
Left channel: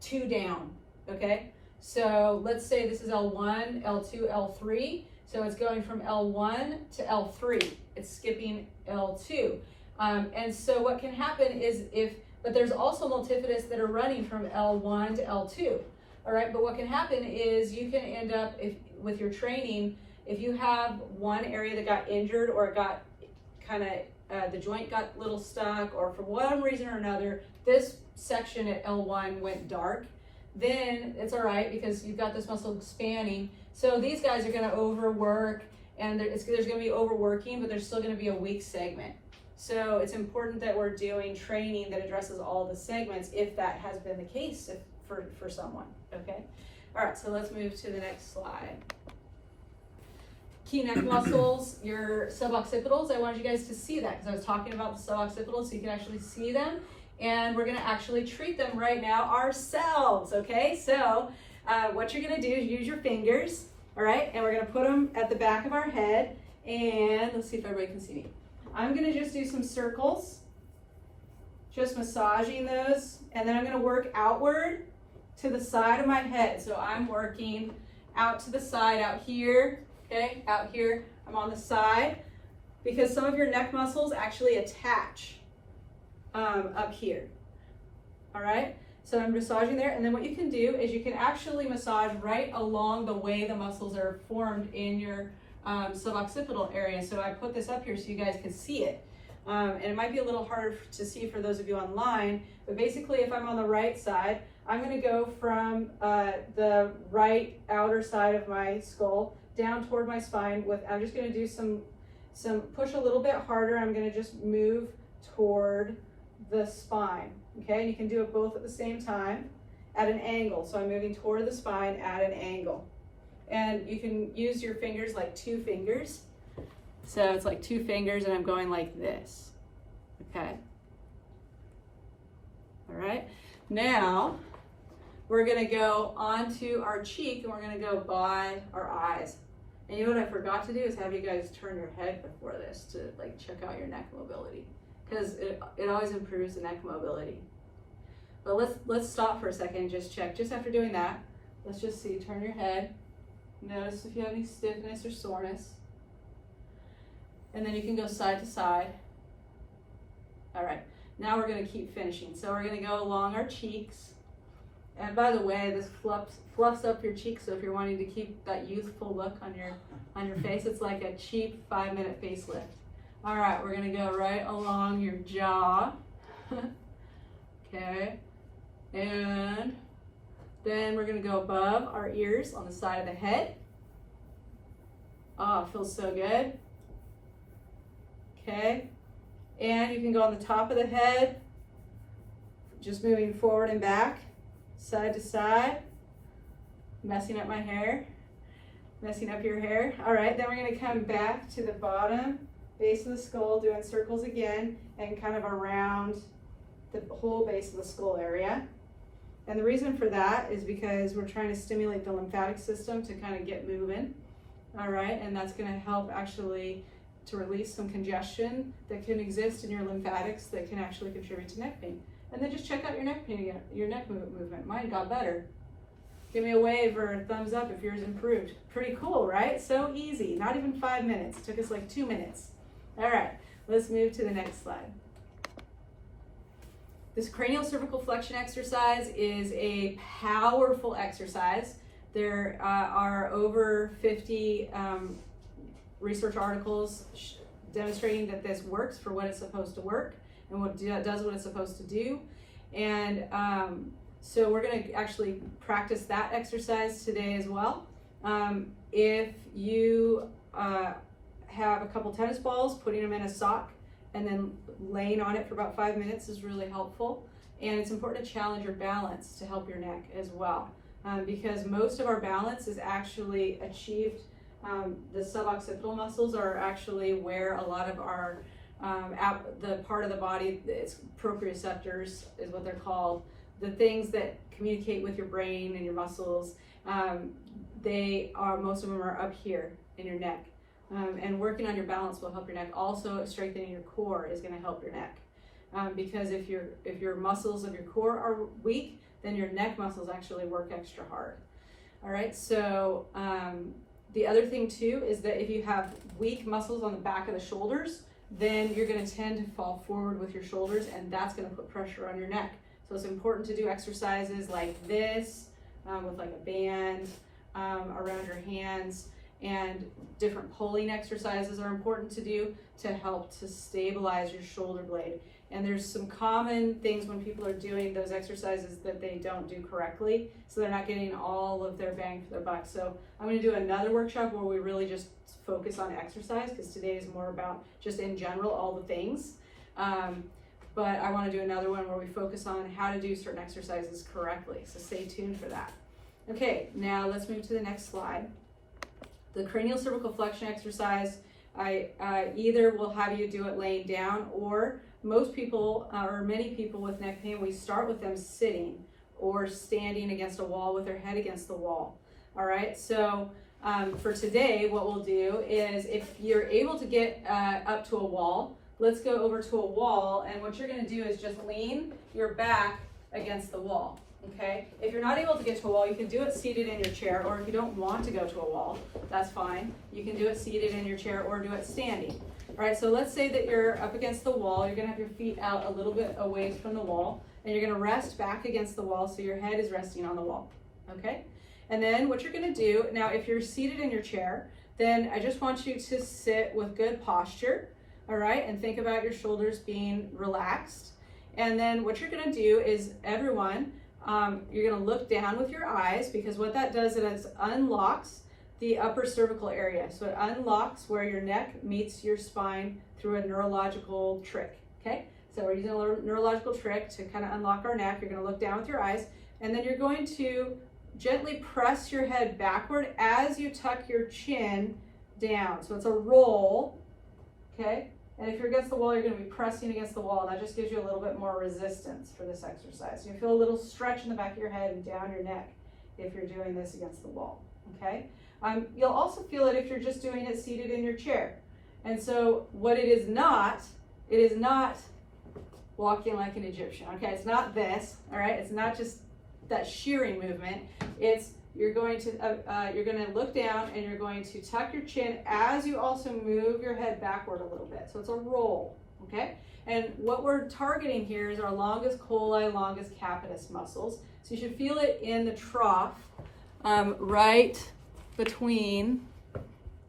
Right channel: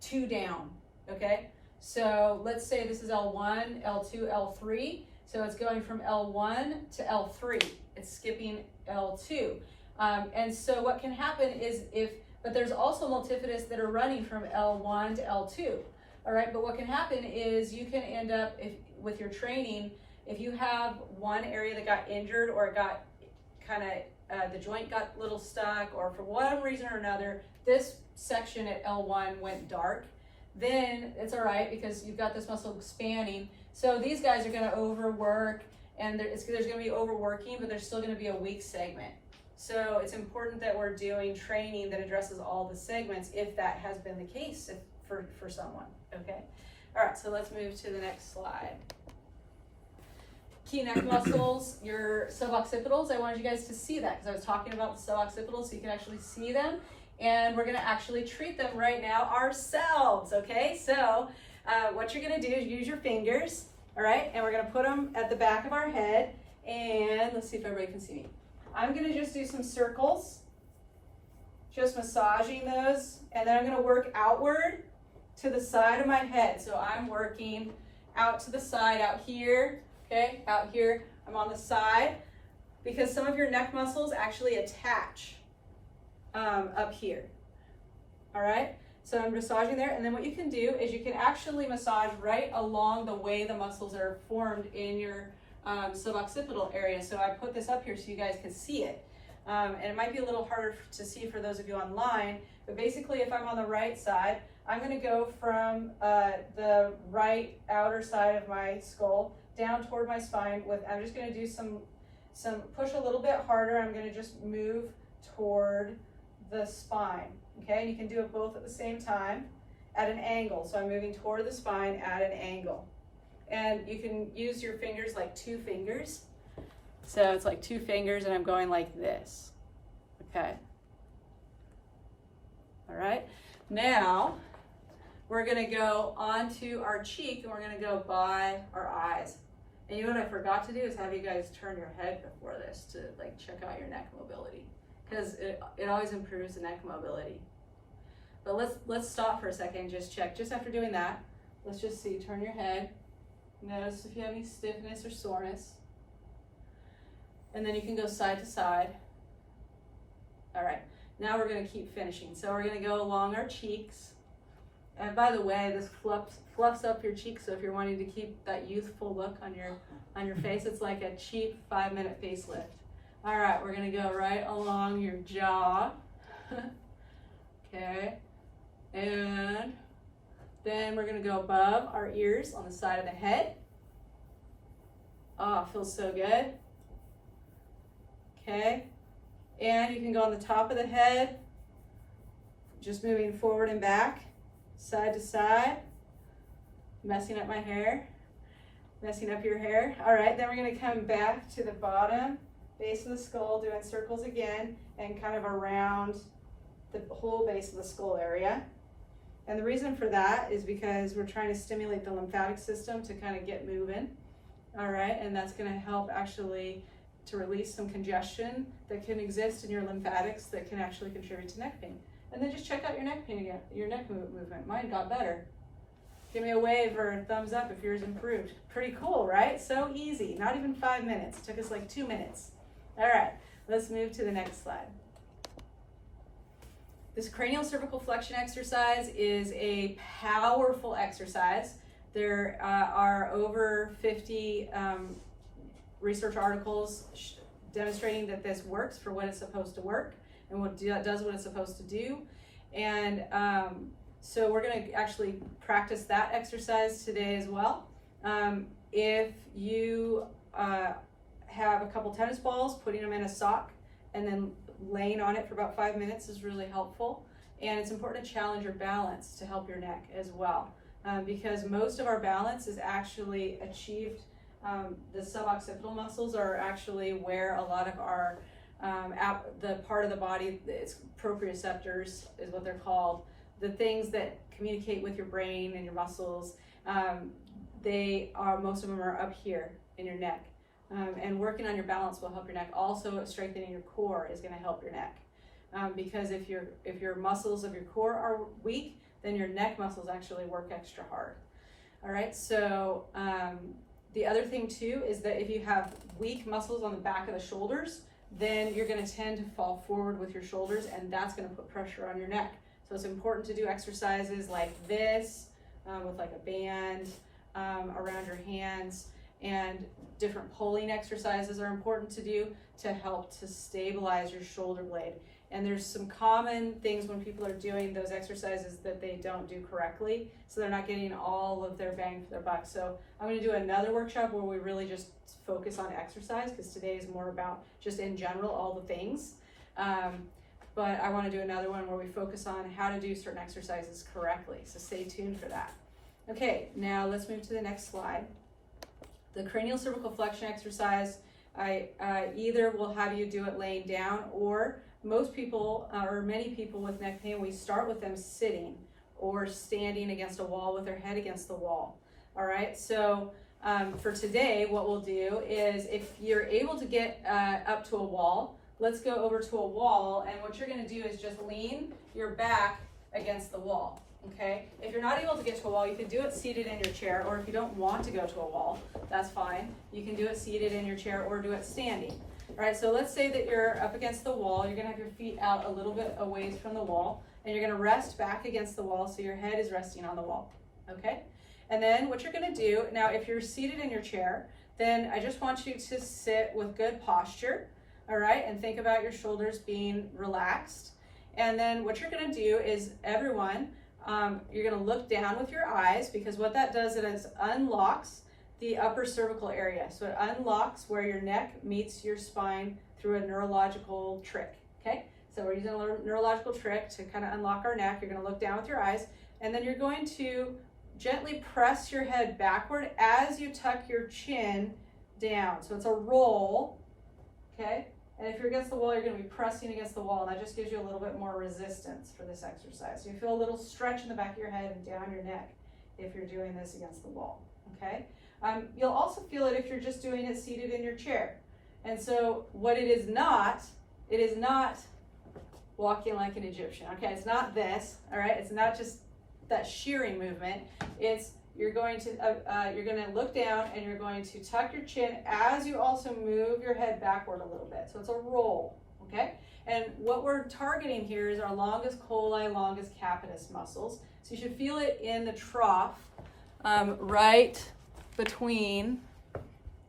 2 down, okay? So let's say this is L1, L2, L3. So it's going from L1 to L3. It's skipping L2. And so what can happen is but there's also multifidus that are running from L1 to L2. All right, but what can happen is you can end up, with your training, if you have one area that got injured or it got kind of, the joint got a little stuck, or for one reason or another, this section at L1 went dark, then it's all right because you've got this muscle spanning. So these guys are going to overwork, and there's going to be overworking, but there's still going to be a weak segment. So it's important that we're doing training that addresses all the segments if that has been the case for someone, okay? All right, so let's move to the next slide. Key neck muscles, your suboccipitals. I wanted you guys to see that because I was talking about the suboccipitals so you can actually see them. And we're gonna actually treat them right now ourselves, okay? So what you're gonna do is use your fingers, all right? And we're gonna put them at the back of our head, and let's see if everybody can see me. I'm gonna just do some circles, just massaging those, and then I'm gonna work outward to the side of my head. So I'm working out to the side, out here, okay? Out here, I'm on the side, because some of your neck muscles actually attach up here, all right? So I'm massaging there, and then what you can do is you can actually massage right along the way the muscles are formed in your suboccipital area. So I put this up here so you guys can see it. And it might be a little harder to see for those of you online, but basically if I'm on the right side, I'm gonna go from the right outer side of my skull down toward my spine I'm just gonna do some push a little bit harder. I'm gonna just move toward the spine, okay? And you can do it both at the same time at an angle. So I'm moving toward the spine at an angle. And you can use your fingers like 2 fingers. So it's like 2 fingers and I'm going like this, okay? All right, now we're gonna go onto our cheek and we're gonna go by our eyes. And you know what I forgot to do is have you guys turn your head before this to like check out your neck mobility, because it always improves the neck mobility. But let's stop for a second and just check. Just after doing that, let's just see, turn your head. Notice if you have any stiffness or soreness. And then you can go side to side. All right, now we're gonna keep finishing. So we're gonna go along our cheeks. And by the way, this fluffs up your cheeks, so if you're wanting to keep that youthful look on your face, it's like a cheap 5-minute facelift. All right, we're gonna go right along your jaw. Okay, and then we're gonna go above our ears on the side of the head. Oh, it feels so good. Okay, and you can go on the top of the head, just moving forward and back, side to side, messing up my hair, messing up your hair. All right, then we're gonna come back to the bottom, base of the skull, doing circles again, and kind of around the whole base of the skull area. And the reason for that is because we're trying to stimulate the lymphatic system to kind of get moving. All right, and that's gonna help actually to release some congestion that can exist in your lymphatics that can actually contribute to neck pain. And then just check out your neck pain, your neck movement. Mine got better. Give me a wave or a thumbs up if yours improved. Pretty cool, right? So easy, not even 5 minutes. It took us like 2 minutes. All right, let's move to the next slide. This cranial cervical flexion exercise is a powerful exercise. There are over 50 research articles demonstrating that this works for what it's supposed to work and does what it's supposed to do. And so we're gonna actually practice that exercise today as well. If you have a couple tennis balls, putting them in a sock and then laying on it for about 5 minutes is really helpful. And it's important to challenge your balance to help your neck as well. because most of our balance is actually achieved. The suboccipital muscles are actually where a lot of our the part of the body, it's proprioceptors is what they're called, the things that communicate with your brain and your muscles. Most of them are up here in your neck, and working on your balance will help your neck. Also, strengthening your core is going to help your neck, because if your muscles of your core are weak, then your neck muscles actually work extra hard. All right, so the other thing too is that if you have weak muscles on the back of the shoulders, then you're going to tend to fall forward with your shoulders, and that's going to put pressure on your neck. So it's important to do exercises like this, with like a band around your hands, and different pulling exercises are important to do to help to stabilize your shoulder blade. And there's some common things when people are doing those exercises that they don't do correctly, so they're not getting all of their bang for their buck. So I'm going to do another workshop where we really just focus on exercise, because today is more about just in general all the things. But I want to do another one where we focus on how to do certain exercises correctly. So stay tuned for that. Okay, now let's move to the next slide. The cranial cervical flexion exercise, I either will have you do it laying down, or most people, or many people with neck pain, we start with them sitting or standing against a wall with their head against the wall. All right, so for today, what we'll do is, if you're able to get up to a wall, let's go over to a wall, and what you're going to do is just lean your back against the wall. Okay, if you're not able to get to a wall, you can do it seated in your chair, or if you don't want to go to a wall, that's fine. You can do it seated in your chair or do it standing. All right, so let's say that you're up against the wall. You're going to have your feet out a little bit away from the wall, and you're going to rest back against the wall so your head is resting on the wall. Okay, and then what you're going to do now, if you're seated in your chair, then I just want you to sit with good posture. All right, and think about your shoulders being relaxed. And then what you're going to do is, everyone, you're going to look down with your eyes, because what that does is it unlocks the upper cervical area. So it unlocks where your neck meets your spine through a neurological trick. Okay, so we're using a neurological trick to kind of unlock our neck. You're going to look down with your eyes, and then you're going to gently press your head backward as you tuck your chin down. So it's a roll. Okay, and if you're against the wall, you're going to be pressing against the wall. That just gives you a little bit more resistance for this exercise. So you feel a little stretch in the back of your head and down your neck if you're doing this against the wall. Okay, you'll also feel it if you're just doing it seated in your chair. And so what it is not walking like an Egyptian. Okay, it's not this. All right, it's not just that shearing movement. It's you're going to look down, and you're going to tuck your chin as you also move your head backward a little bit. So it's a roll, okay? And what we're targeting here is our longest coli, longest capitis muscles. So you should feel it in the trough, right between,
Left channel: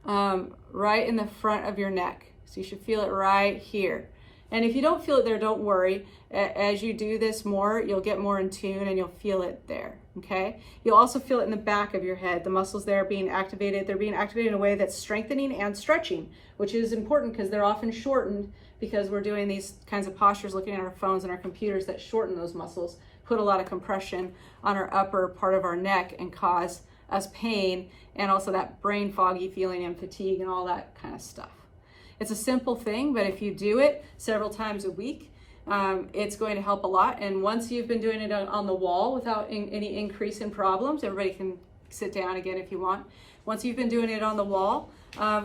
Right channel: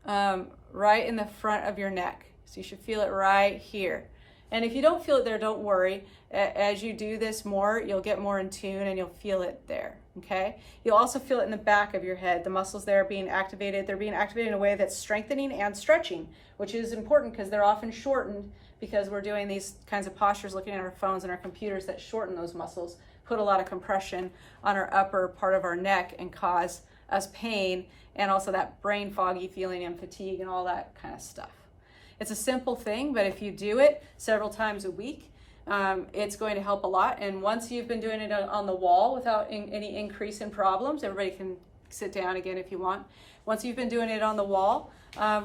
right in the front of your neck. So you should feel it right here. And if you don't feel it there, don't worry. As you do this more, you'll get more in tune, and you'll feel it there, okay? You'll also feel it in the back of your head. The muscles there are being activated. They're being activated in a way that's strengthening and stretching, which is important because they're often shortened, because we're doing these kinds of postures, looking at our phones and our computers, that shorten those muscles, put a lot of compression on our upper part of our neck and cause us pain, and also that brain foggy feeling and fatigue and all that kind of stuff. It's a simple thing, but if you do it several times a week, it's going to help a lot. And once you've been doing it on the wall without any increase in problems, everybody can sit down again if you want. Once you've been doing it on the wall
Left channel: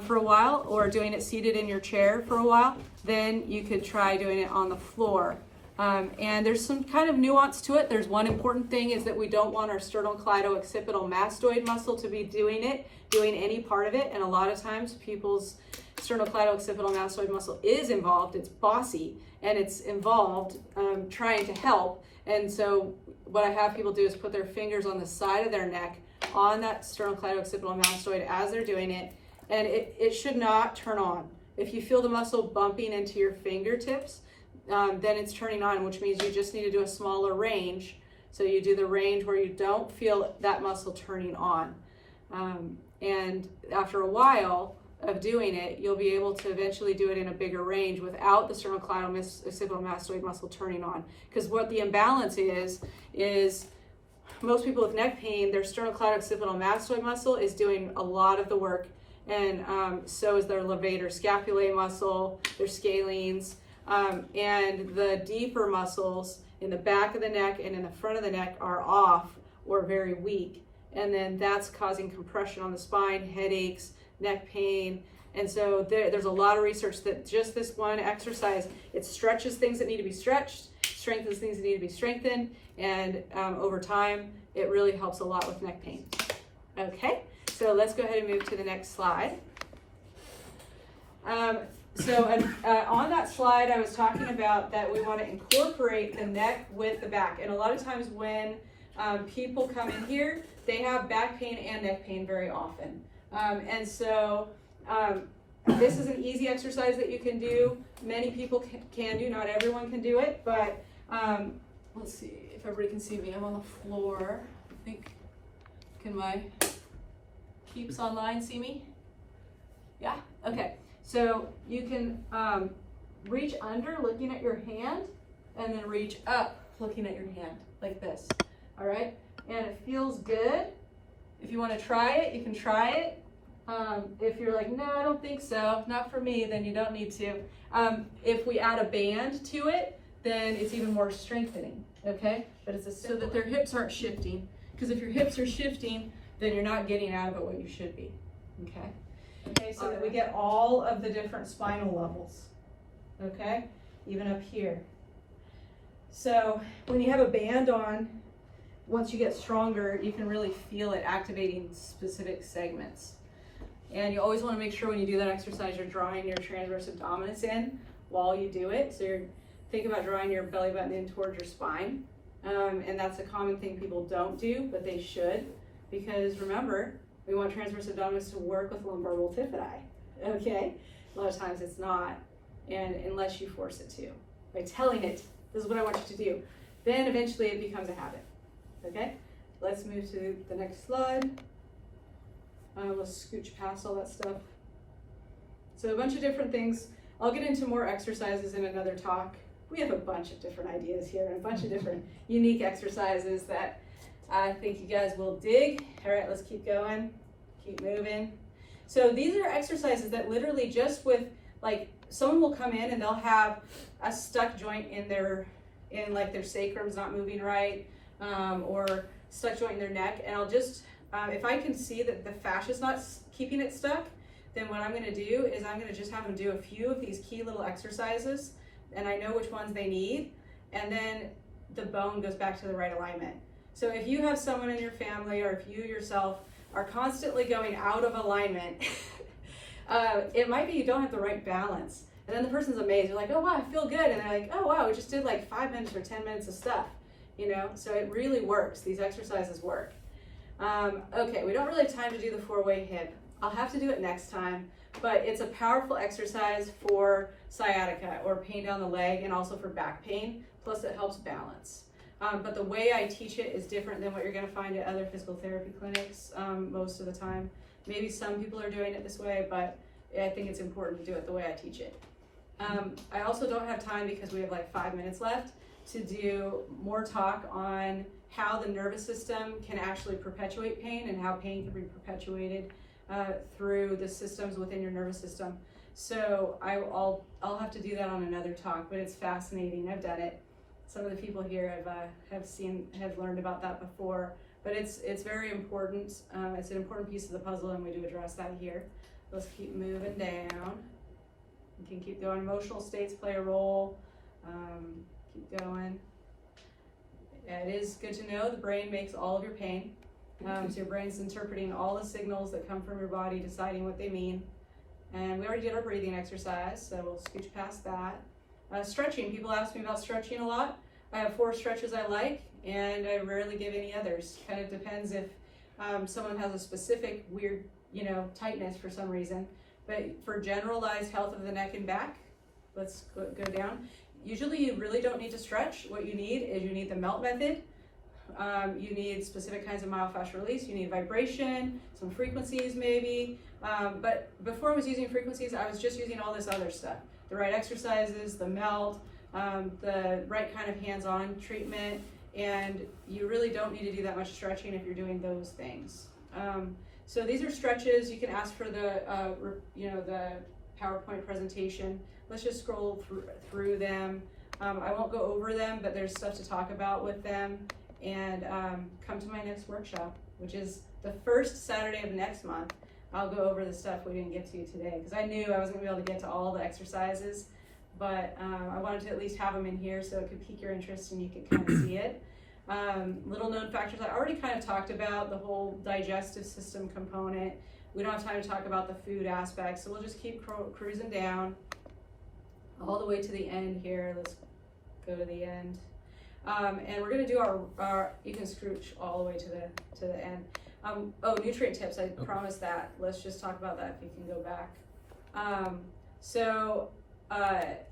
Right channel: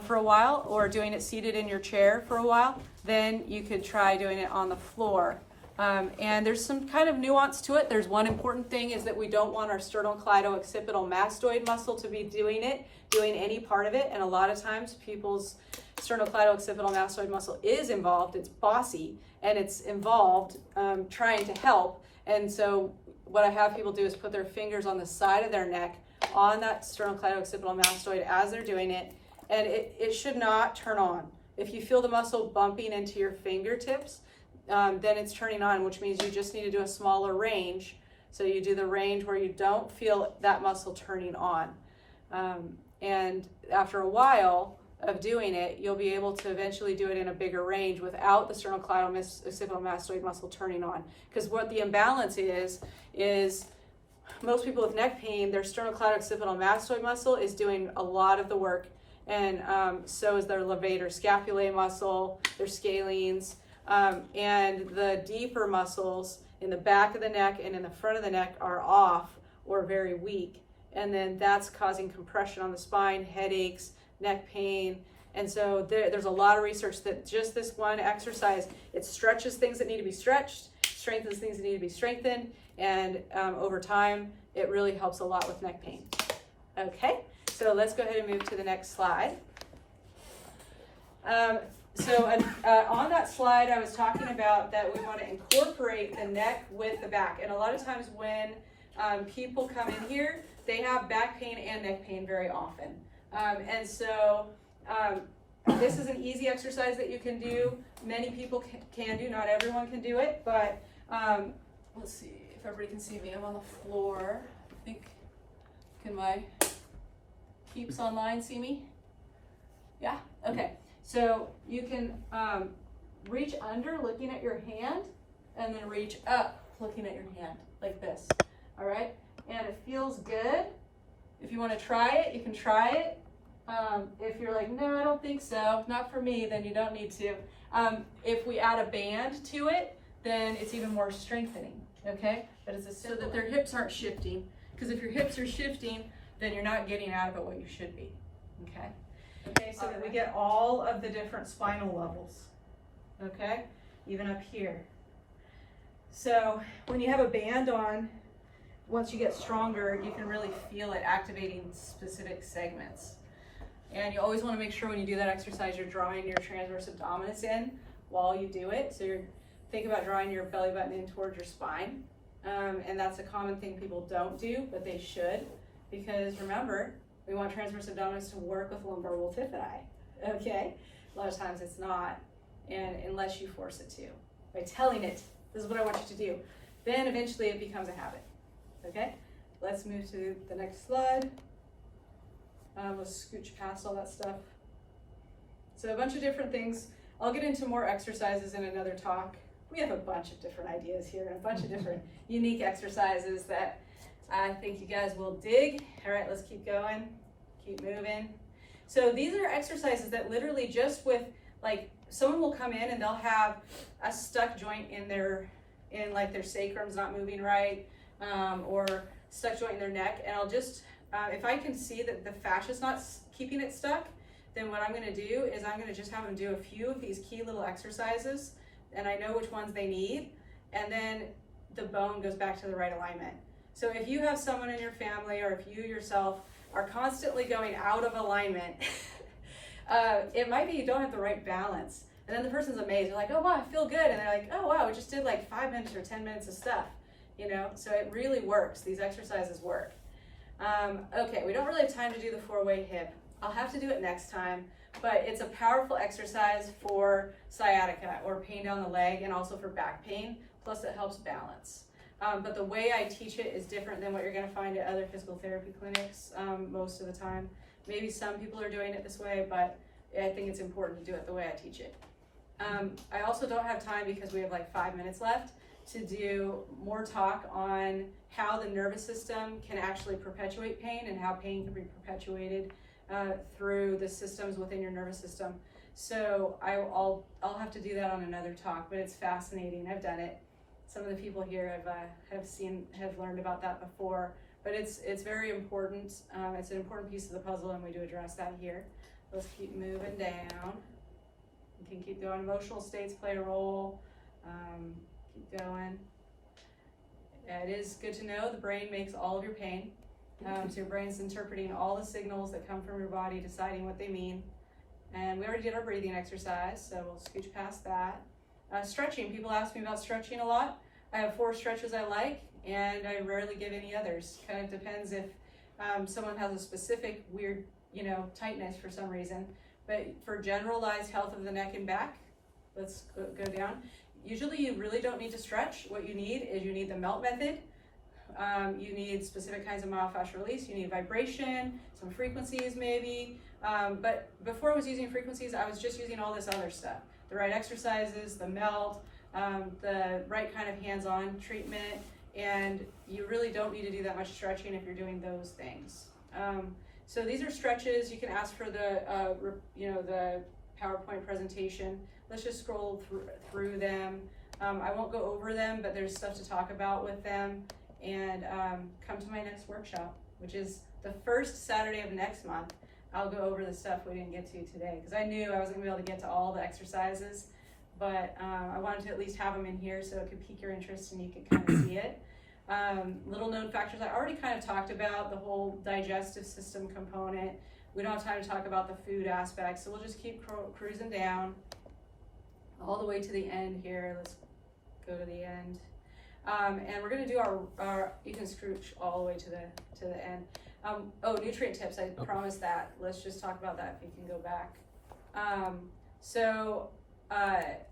for a while, or doing it seated in your chair for a while, then you could try doing it on the floor. And there's some kind of nuance to it. There's one important thing, is that we don't want our sternocleidooccipital mastoid muscle to be doing any part of it. And a lot of times people's sternocleidooccipital mastoid muscle is involved. It's bossy, and it's involved trying to help. And so what I have people do is put their fingers on the side of their neck on that sternocleidooccipital mastoid as they're doing it, and it should not turn on. If you feel the muscle bumping into your fingertips, then it's turning on, which means you just need to do a smaller range. So you do the range where you don't feel that muscle turning on. And after a while of doing it, you'll be able to eventually do it in a bigger range without the sternocleidooccipital mastoid muscle turning on. Because what the imbalance is most people with neck pain, their sternocleidooccipital mastoid muscle is doing a lot of the work, and so is their levator scapulae muscle, their scalenes, and the deeper muscles in the back of the neck and in the front of the neck are off or very weak, and then that's causing compression on the spine, headaches, neck pain. And so there's a lot of research that just this one exercise, it stretches things that need to be stretched, strengthens things that need to be strengthened, and over time, it really helps a lot with neck pain. Okay, so let's go ahead and move to the next slide. On that slide, I was talking about that we want to incorporate the neck with the back. And a lot of times when people come in here, they have back pain and neck pain very often. This is an easy exercise that you can do. Many people can do, not everyone can do it, but let's see if everybody can see me. I'm on the floor. I think, can my peeps online see me? Yeah, okay. So you can reach under looking at your hand and then reach up looking at your hand like this, all right? And it feels good. If you want to try it, you can try it. If you're like, no, I don't think so, not for me, then you don't need to. If we add a band to it, then it's even more strengthening, okay? But it's so that their hips aren't shifting, because if your hips are shifting, then you're not getting out of it what you should be, okay? Okay, so that we get all of the different spinal levels, okay? Even up here. So when you have a band on, once you get stronger, you can really feel it activating specific segments. And you always want to make sure when you do that exercise, you're drawing your transverse abdominis in while you do it. So think about drawing your belly button in towards your spine. And that's a common thing people don't do, but they should, because remember, we want transverse abdominis to work with lumbar multifidi, okay? A lot of times it's not, and unless you force it to. By telling it, this is what I want you to do, then eventually it becomes a habit, okay? Let's move to the next slide. Let's scooch past all that stuff. So a bunch of different things. I'll get into more exercises in another talk. We have a bunch of different ideas here and a bunch of different unique exercises that I think you guys will dig. All right, let's keep going, keep moving. So these are exercises that literally just with, like, someone will come in and they'll have a stuck joint in their sacrum's not moving right, or stuck joint in their neck, and I'll just, if I can see that the fascia's not keeping it stuck, then what I'm gonna do is I'm gonna just have them do a few of these key little exercises, and I know which ones they need, and then the bone goes back to the right alignment. So if you have someone in your family, or if you yourself are constantly going out of alignment, it might be you don't have the right balance. And then the person's amazed. They're like, oh wow, I feel good. And they're like, oh wow, we just did like 5 minutes or 10 minutes of stuff, you know? So it really works. These exercises work. Okay, we don't really have time to do the 4-way hip. I'll have to do it next time, but it's a powerful exercise for sciatica or pain down the leg, and also for back pain, plus it helps balance. But the way I teach it is different than what you're gonna find at other physical therapy clinics most of the time. Maybe some people are doing it this way, but I think it's important to do it the way I teach it. I also don't have time, because we have like 5 minutes left, to do more talk on how the nervous system can actually perpetuate pain and how pain can be perpetuated through the systems within your nervous system. So I'll have to do that on another talk, but it's fascinating. I've done it. Some of the people here have learned about that before, but it's very important. It's an important piece of the puzzle, and we do address that here. Let's keep moving down. You can keep going. Emotional states play a role. Keep going. It is good to know the brain makes all of your pain. So your brain's interpreting all the signals that come from your body, deciding what they mean. And we already did our breathing exercise, so we'll scooch past that. Stretching, people ask me about stretching a lot. I have 4 stretches I like, and I rarely give any others. Kind of depends if someone has a specific weird, tightness for some reason. But for generalized health of the neck and back, let's go down. Usually you really don't need to stretch. What you need is you need the melt method. You need specific kinds of myofascial release. You need vibration, some frequencies maybe. But before I was using frequencies, I was just using all this other stuff. The right exercises, the melt, the right kind of hands-on treatment, and you really don't need to do that much stretching if you're doing those things. So these are stretches. You can ask for the, the PowerPoint presentation. Let's just scroll through them. I won't go over them, but there's stuff to talk about with them. And come to my next workshop, which is the first Saturday of next month. I'll go over the stuff we didn't get to today, because I knew I wasn't gonna be able to get to all the exercises, but I wanted to at least have them in here so it could pique your interest and you could kind of see it. Little known factors, I already kind of talked about the whole digestive system component. We don't have time to talk about the food aspect, so we'll just keep cruising down all the way to the end here. Let's go to the end. And we're gonna do our you can scrooge all the way to the end. Nutrient tips, I promised that. Let's just talk about that if you can go back.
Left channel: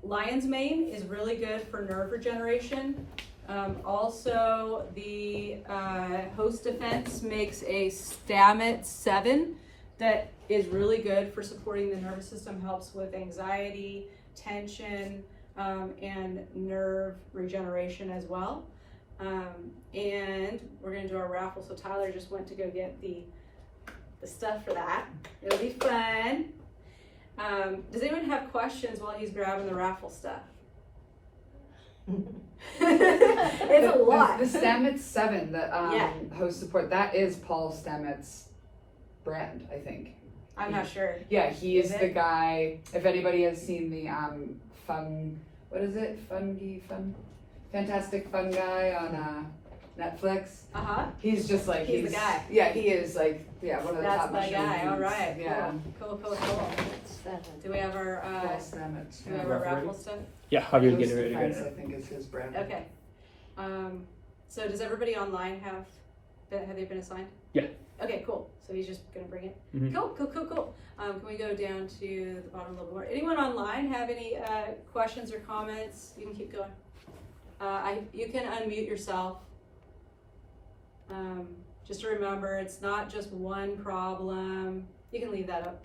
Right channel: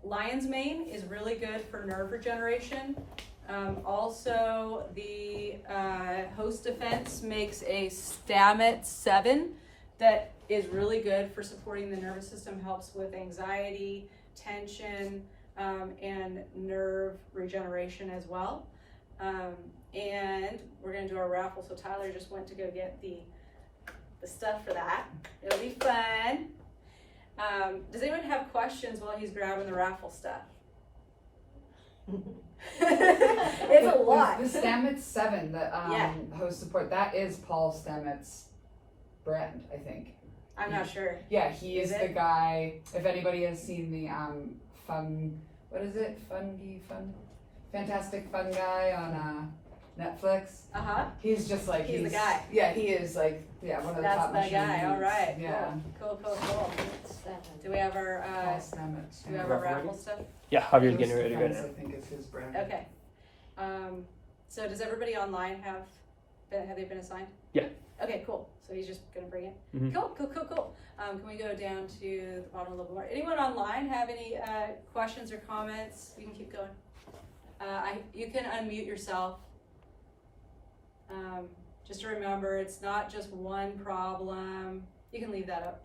Lion's mane is really good for nerve regeneration. Also, the Host Defense makes a Stamets 7 that is really good for supporting the nervous system, helps with anxiety, tension, and nerve regeneration as well. And we're gonna do our raffle. So Tyler just went to go get the stuff for that. It'll be fun. Does anyone have questions while he's grabbing the raffle stuff? It's a lot. The Stamets 7 that host support, that is Paul Stamets' brand, I think. I'm not sure. Yeah, he is the it? guy. If anybody has seen the Fantastic Fun Guy on Netflix. He's just like he's the guy. Yeah, he is like one of the That's top the guy. All right. Yeah. Cool. Do we have our Paul Stamets. do we have our raffle stuff? Yeah, I'll be Host getting ready to Defense, go. I think is his brand. Okay. So does everybody online have they been assigned? Yeah. Okay, cool. So he's just gonna bring it. Mhm. Cool. Can we go down to the bottom a little bit more? Anyone online have any questions or comments? You can keep going. You can unmute yourself. Just to remember, it's not just one problem. You can leave that up.